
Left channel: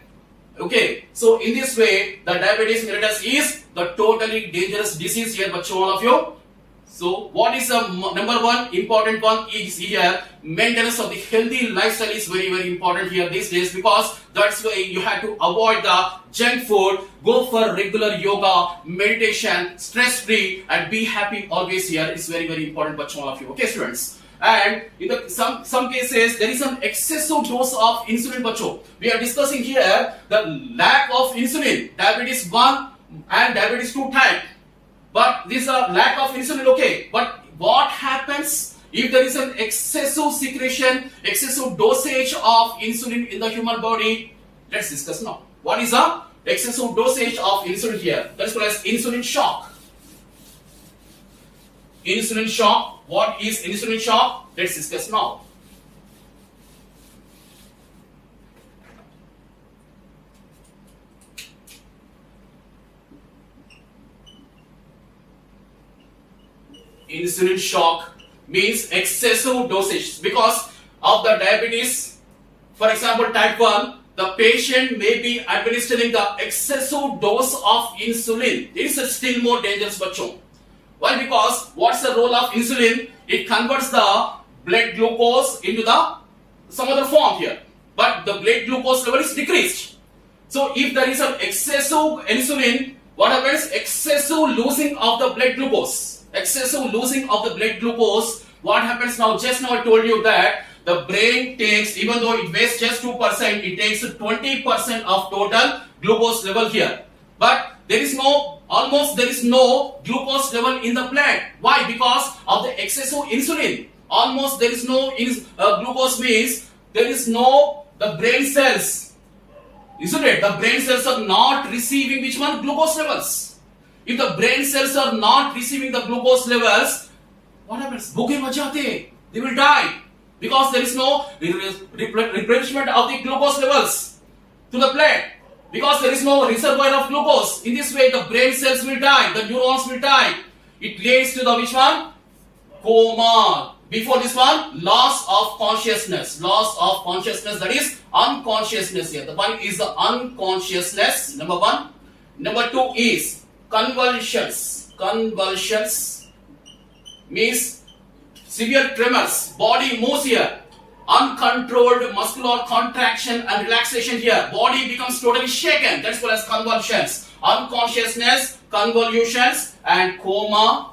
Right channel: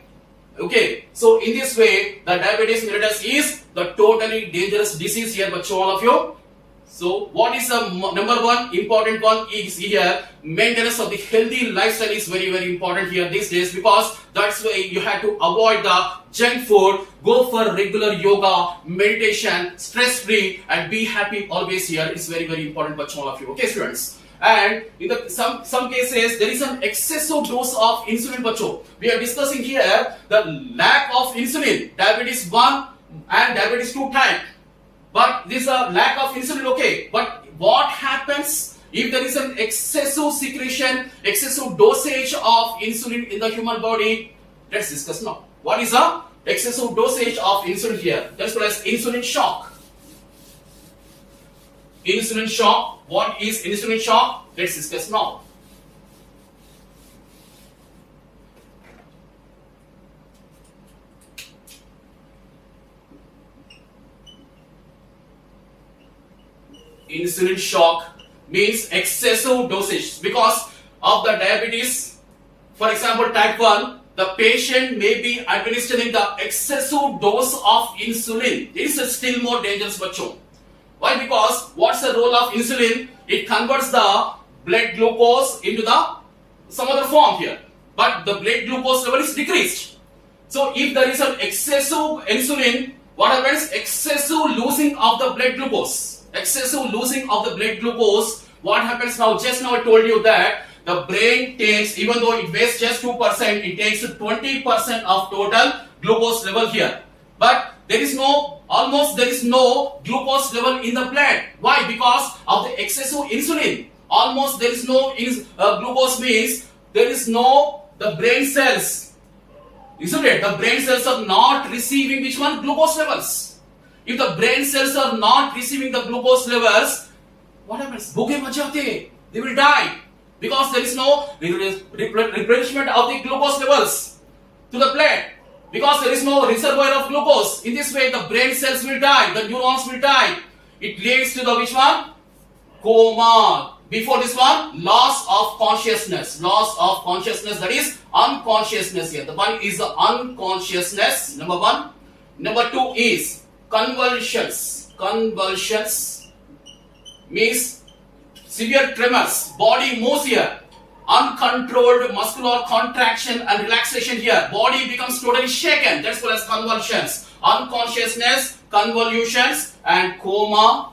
Okay, so in this way, the diabetes mellitus is the totally dangerous disease here, but all of you. So, what is the number one important one is here, maintenance of the healthy lifestyle is very, very important here these days, because that's why you have to avoid the junk food, go for regular yoga, meditation, stress free, and be happy always here. It's very, very important for all of you. Okay, students. And in some cases, there is an excessive dose of insulin. Bacho. We are discussing here the lack of insulin, diabetes 1 and diabetes 2 type. But these are lack of insulin, okay. But what happens if there is an excessive secretion, excessive dosage of insulin in the human body? Let's discuss now. What is the excessive dosage of insulin here? That's called as insulin shock. Insulin shock. What is insulin shock? Let's discuss now. Insulin shock means excessive dosage because of the diabetes. For example, type 1, the patient may be administering the excessive dose of insulin. It is still more dangerous, bacho. Why? Because what's the role of insulin? It converts the blood glucose into the some other form here. But the blood glucose level is decreased. So if there is an excessive insulin, what happens? Excessive losing of the blood glucose. Excessive losing of the blood glucose. What happens now? Just now I told you that the brain takes, even though it weighs just 2%, it takes 20% of total glucose level here. But there is no glucose level in the blood. Why? Because of the excessive insulin. Almost there is no glucose means there is no the brain cells. Isn't it? The brain cells are not receiving which one? Glucose levels. If the brain cells are not receiving the glucose levels, what happens? They will die because there is no replenishment of the glucose levels to the blood. Because there is no reservoir of glucose. In this way, the brain cells will die, the neurons will die. It leads to the which one? Coma. Before this one, loss of consciousness. Loss of consciousness, that is unconsciousness here. The one is the unconsciousness, number one. Number two is convulsions. Convulsions means severe tremors. Body moves here. Uncontrolled muscular contraction and relaxation here. Body becomes totally shaken. That's called as convulsions. Unconsciousness, convolutions, and coma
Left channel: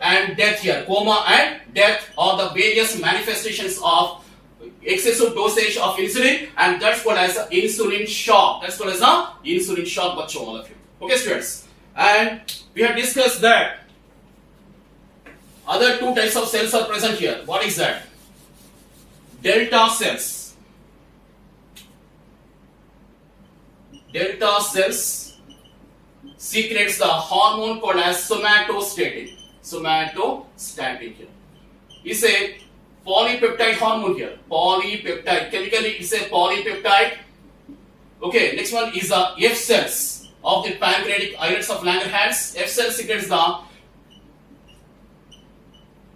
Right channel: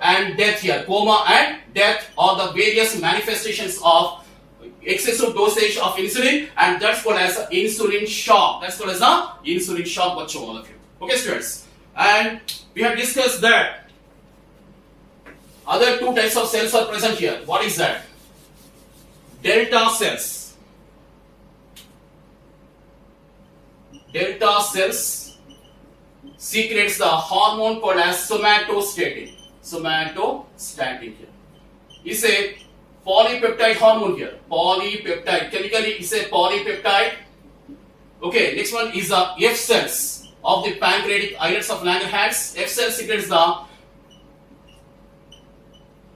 and death here. Coma and death are the various manifestations of excessive dosage of insulin, and that's called as insulin shock. That's called as a insulin shock, bacho, all of you. Okay, students. And we have discussed that other two types of cells are present here. What is that? Delta cells. Delta cells secretes the hormone called as somatostatin. Somatostatin here. It's a polypeptide hormone here. Polypeptide. Chemically, it's a polypeptide. Okay, next one is the F cells of the pancreatic islets of Langerhans. F cells secretes the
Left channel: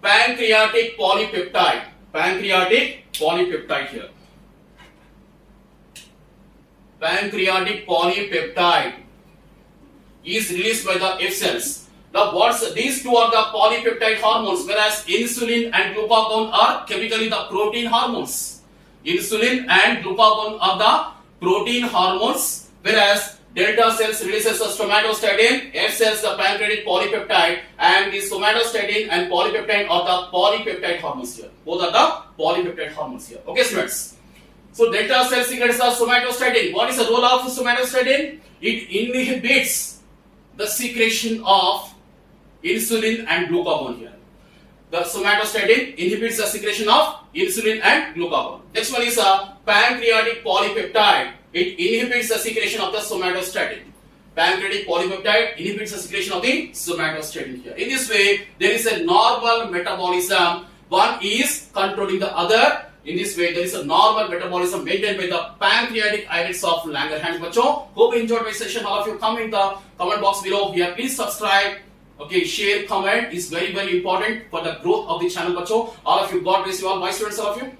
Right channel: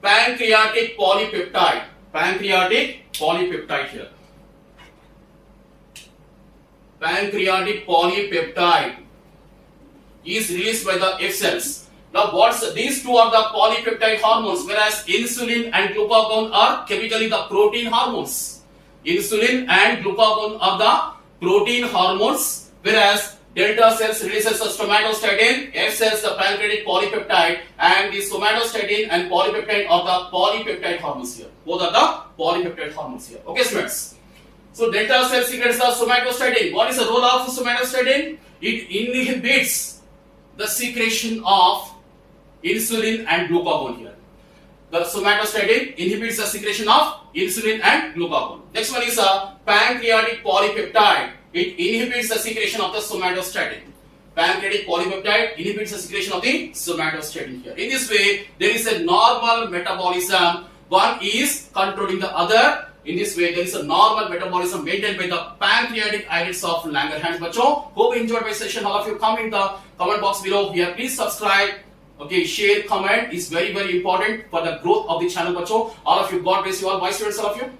pancreatic polypeptide. Pancreatic polypeptide here. Pancreatic polypeptide is released by the F cells. Now, these two are the polypeptide hormones, whereas insulin and glucagon are chemically the protein hormones. Insulin and glucagon are the protein hormones, whereas delta cells releases the somatostatin, F cells the pancreatic polypeptide, and the somatostatin and polypeptide are the polypeptide hormones here. Both are the polypeptide hormones here. Okay, students. So delta cell secretes the somatostatin. What is the role of somatostatin? It inhibits the secretion of insulin and glucagon here. The somatostatin inhibits the secretion of insulin and glucagon. Next one is a pancreatic polypeptide. It inhibits the secretion of the somatostatin. Pancreatic polypeptide inhibits the secretion of the somatostatin here. In this way, there is a normal metabolism. One is controlling the other. In this way, there is a normal metabolism maintained by the pancreatic islets of Langerhans. Bacho, hope you enjoyed my session. All of you, comment in the comment box below here. Please subscribe. Okay, share, comment is very, very important for the growth of the channel, bacho. All of you, God bless you all. My students, all of you.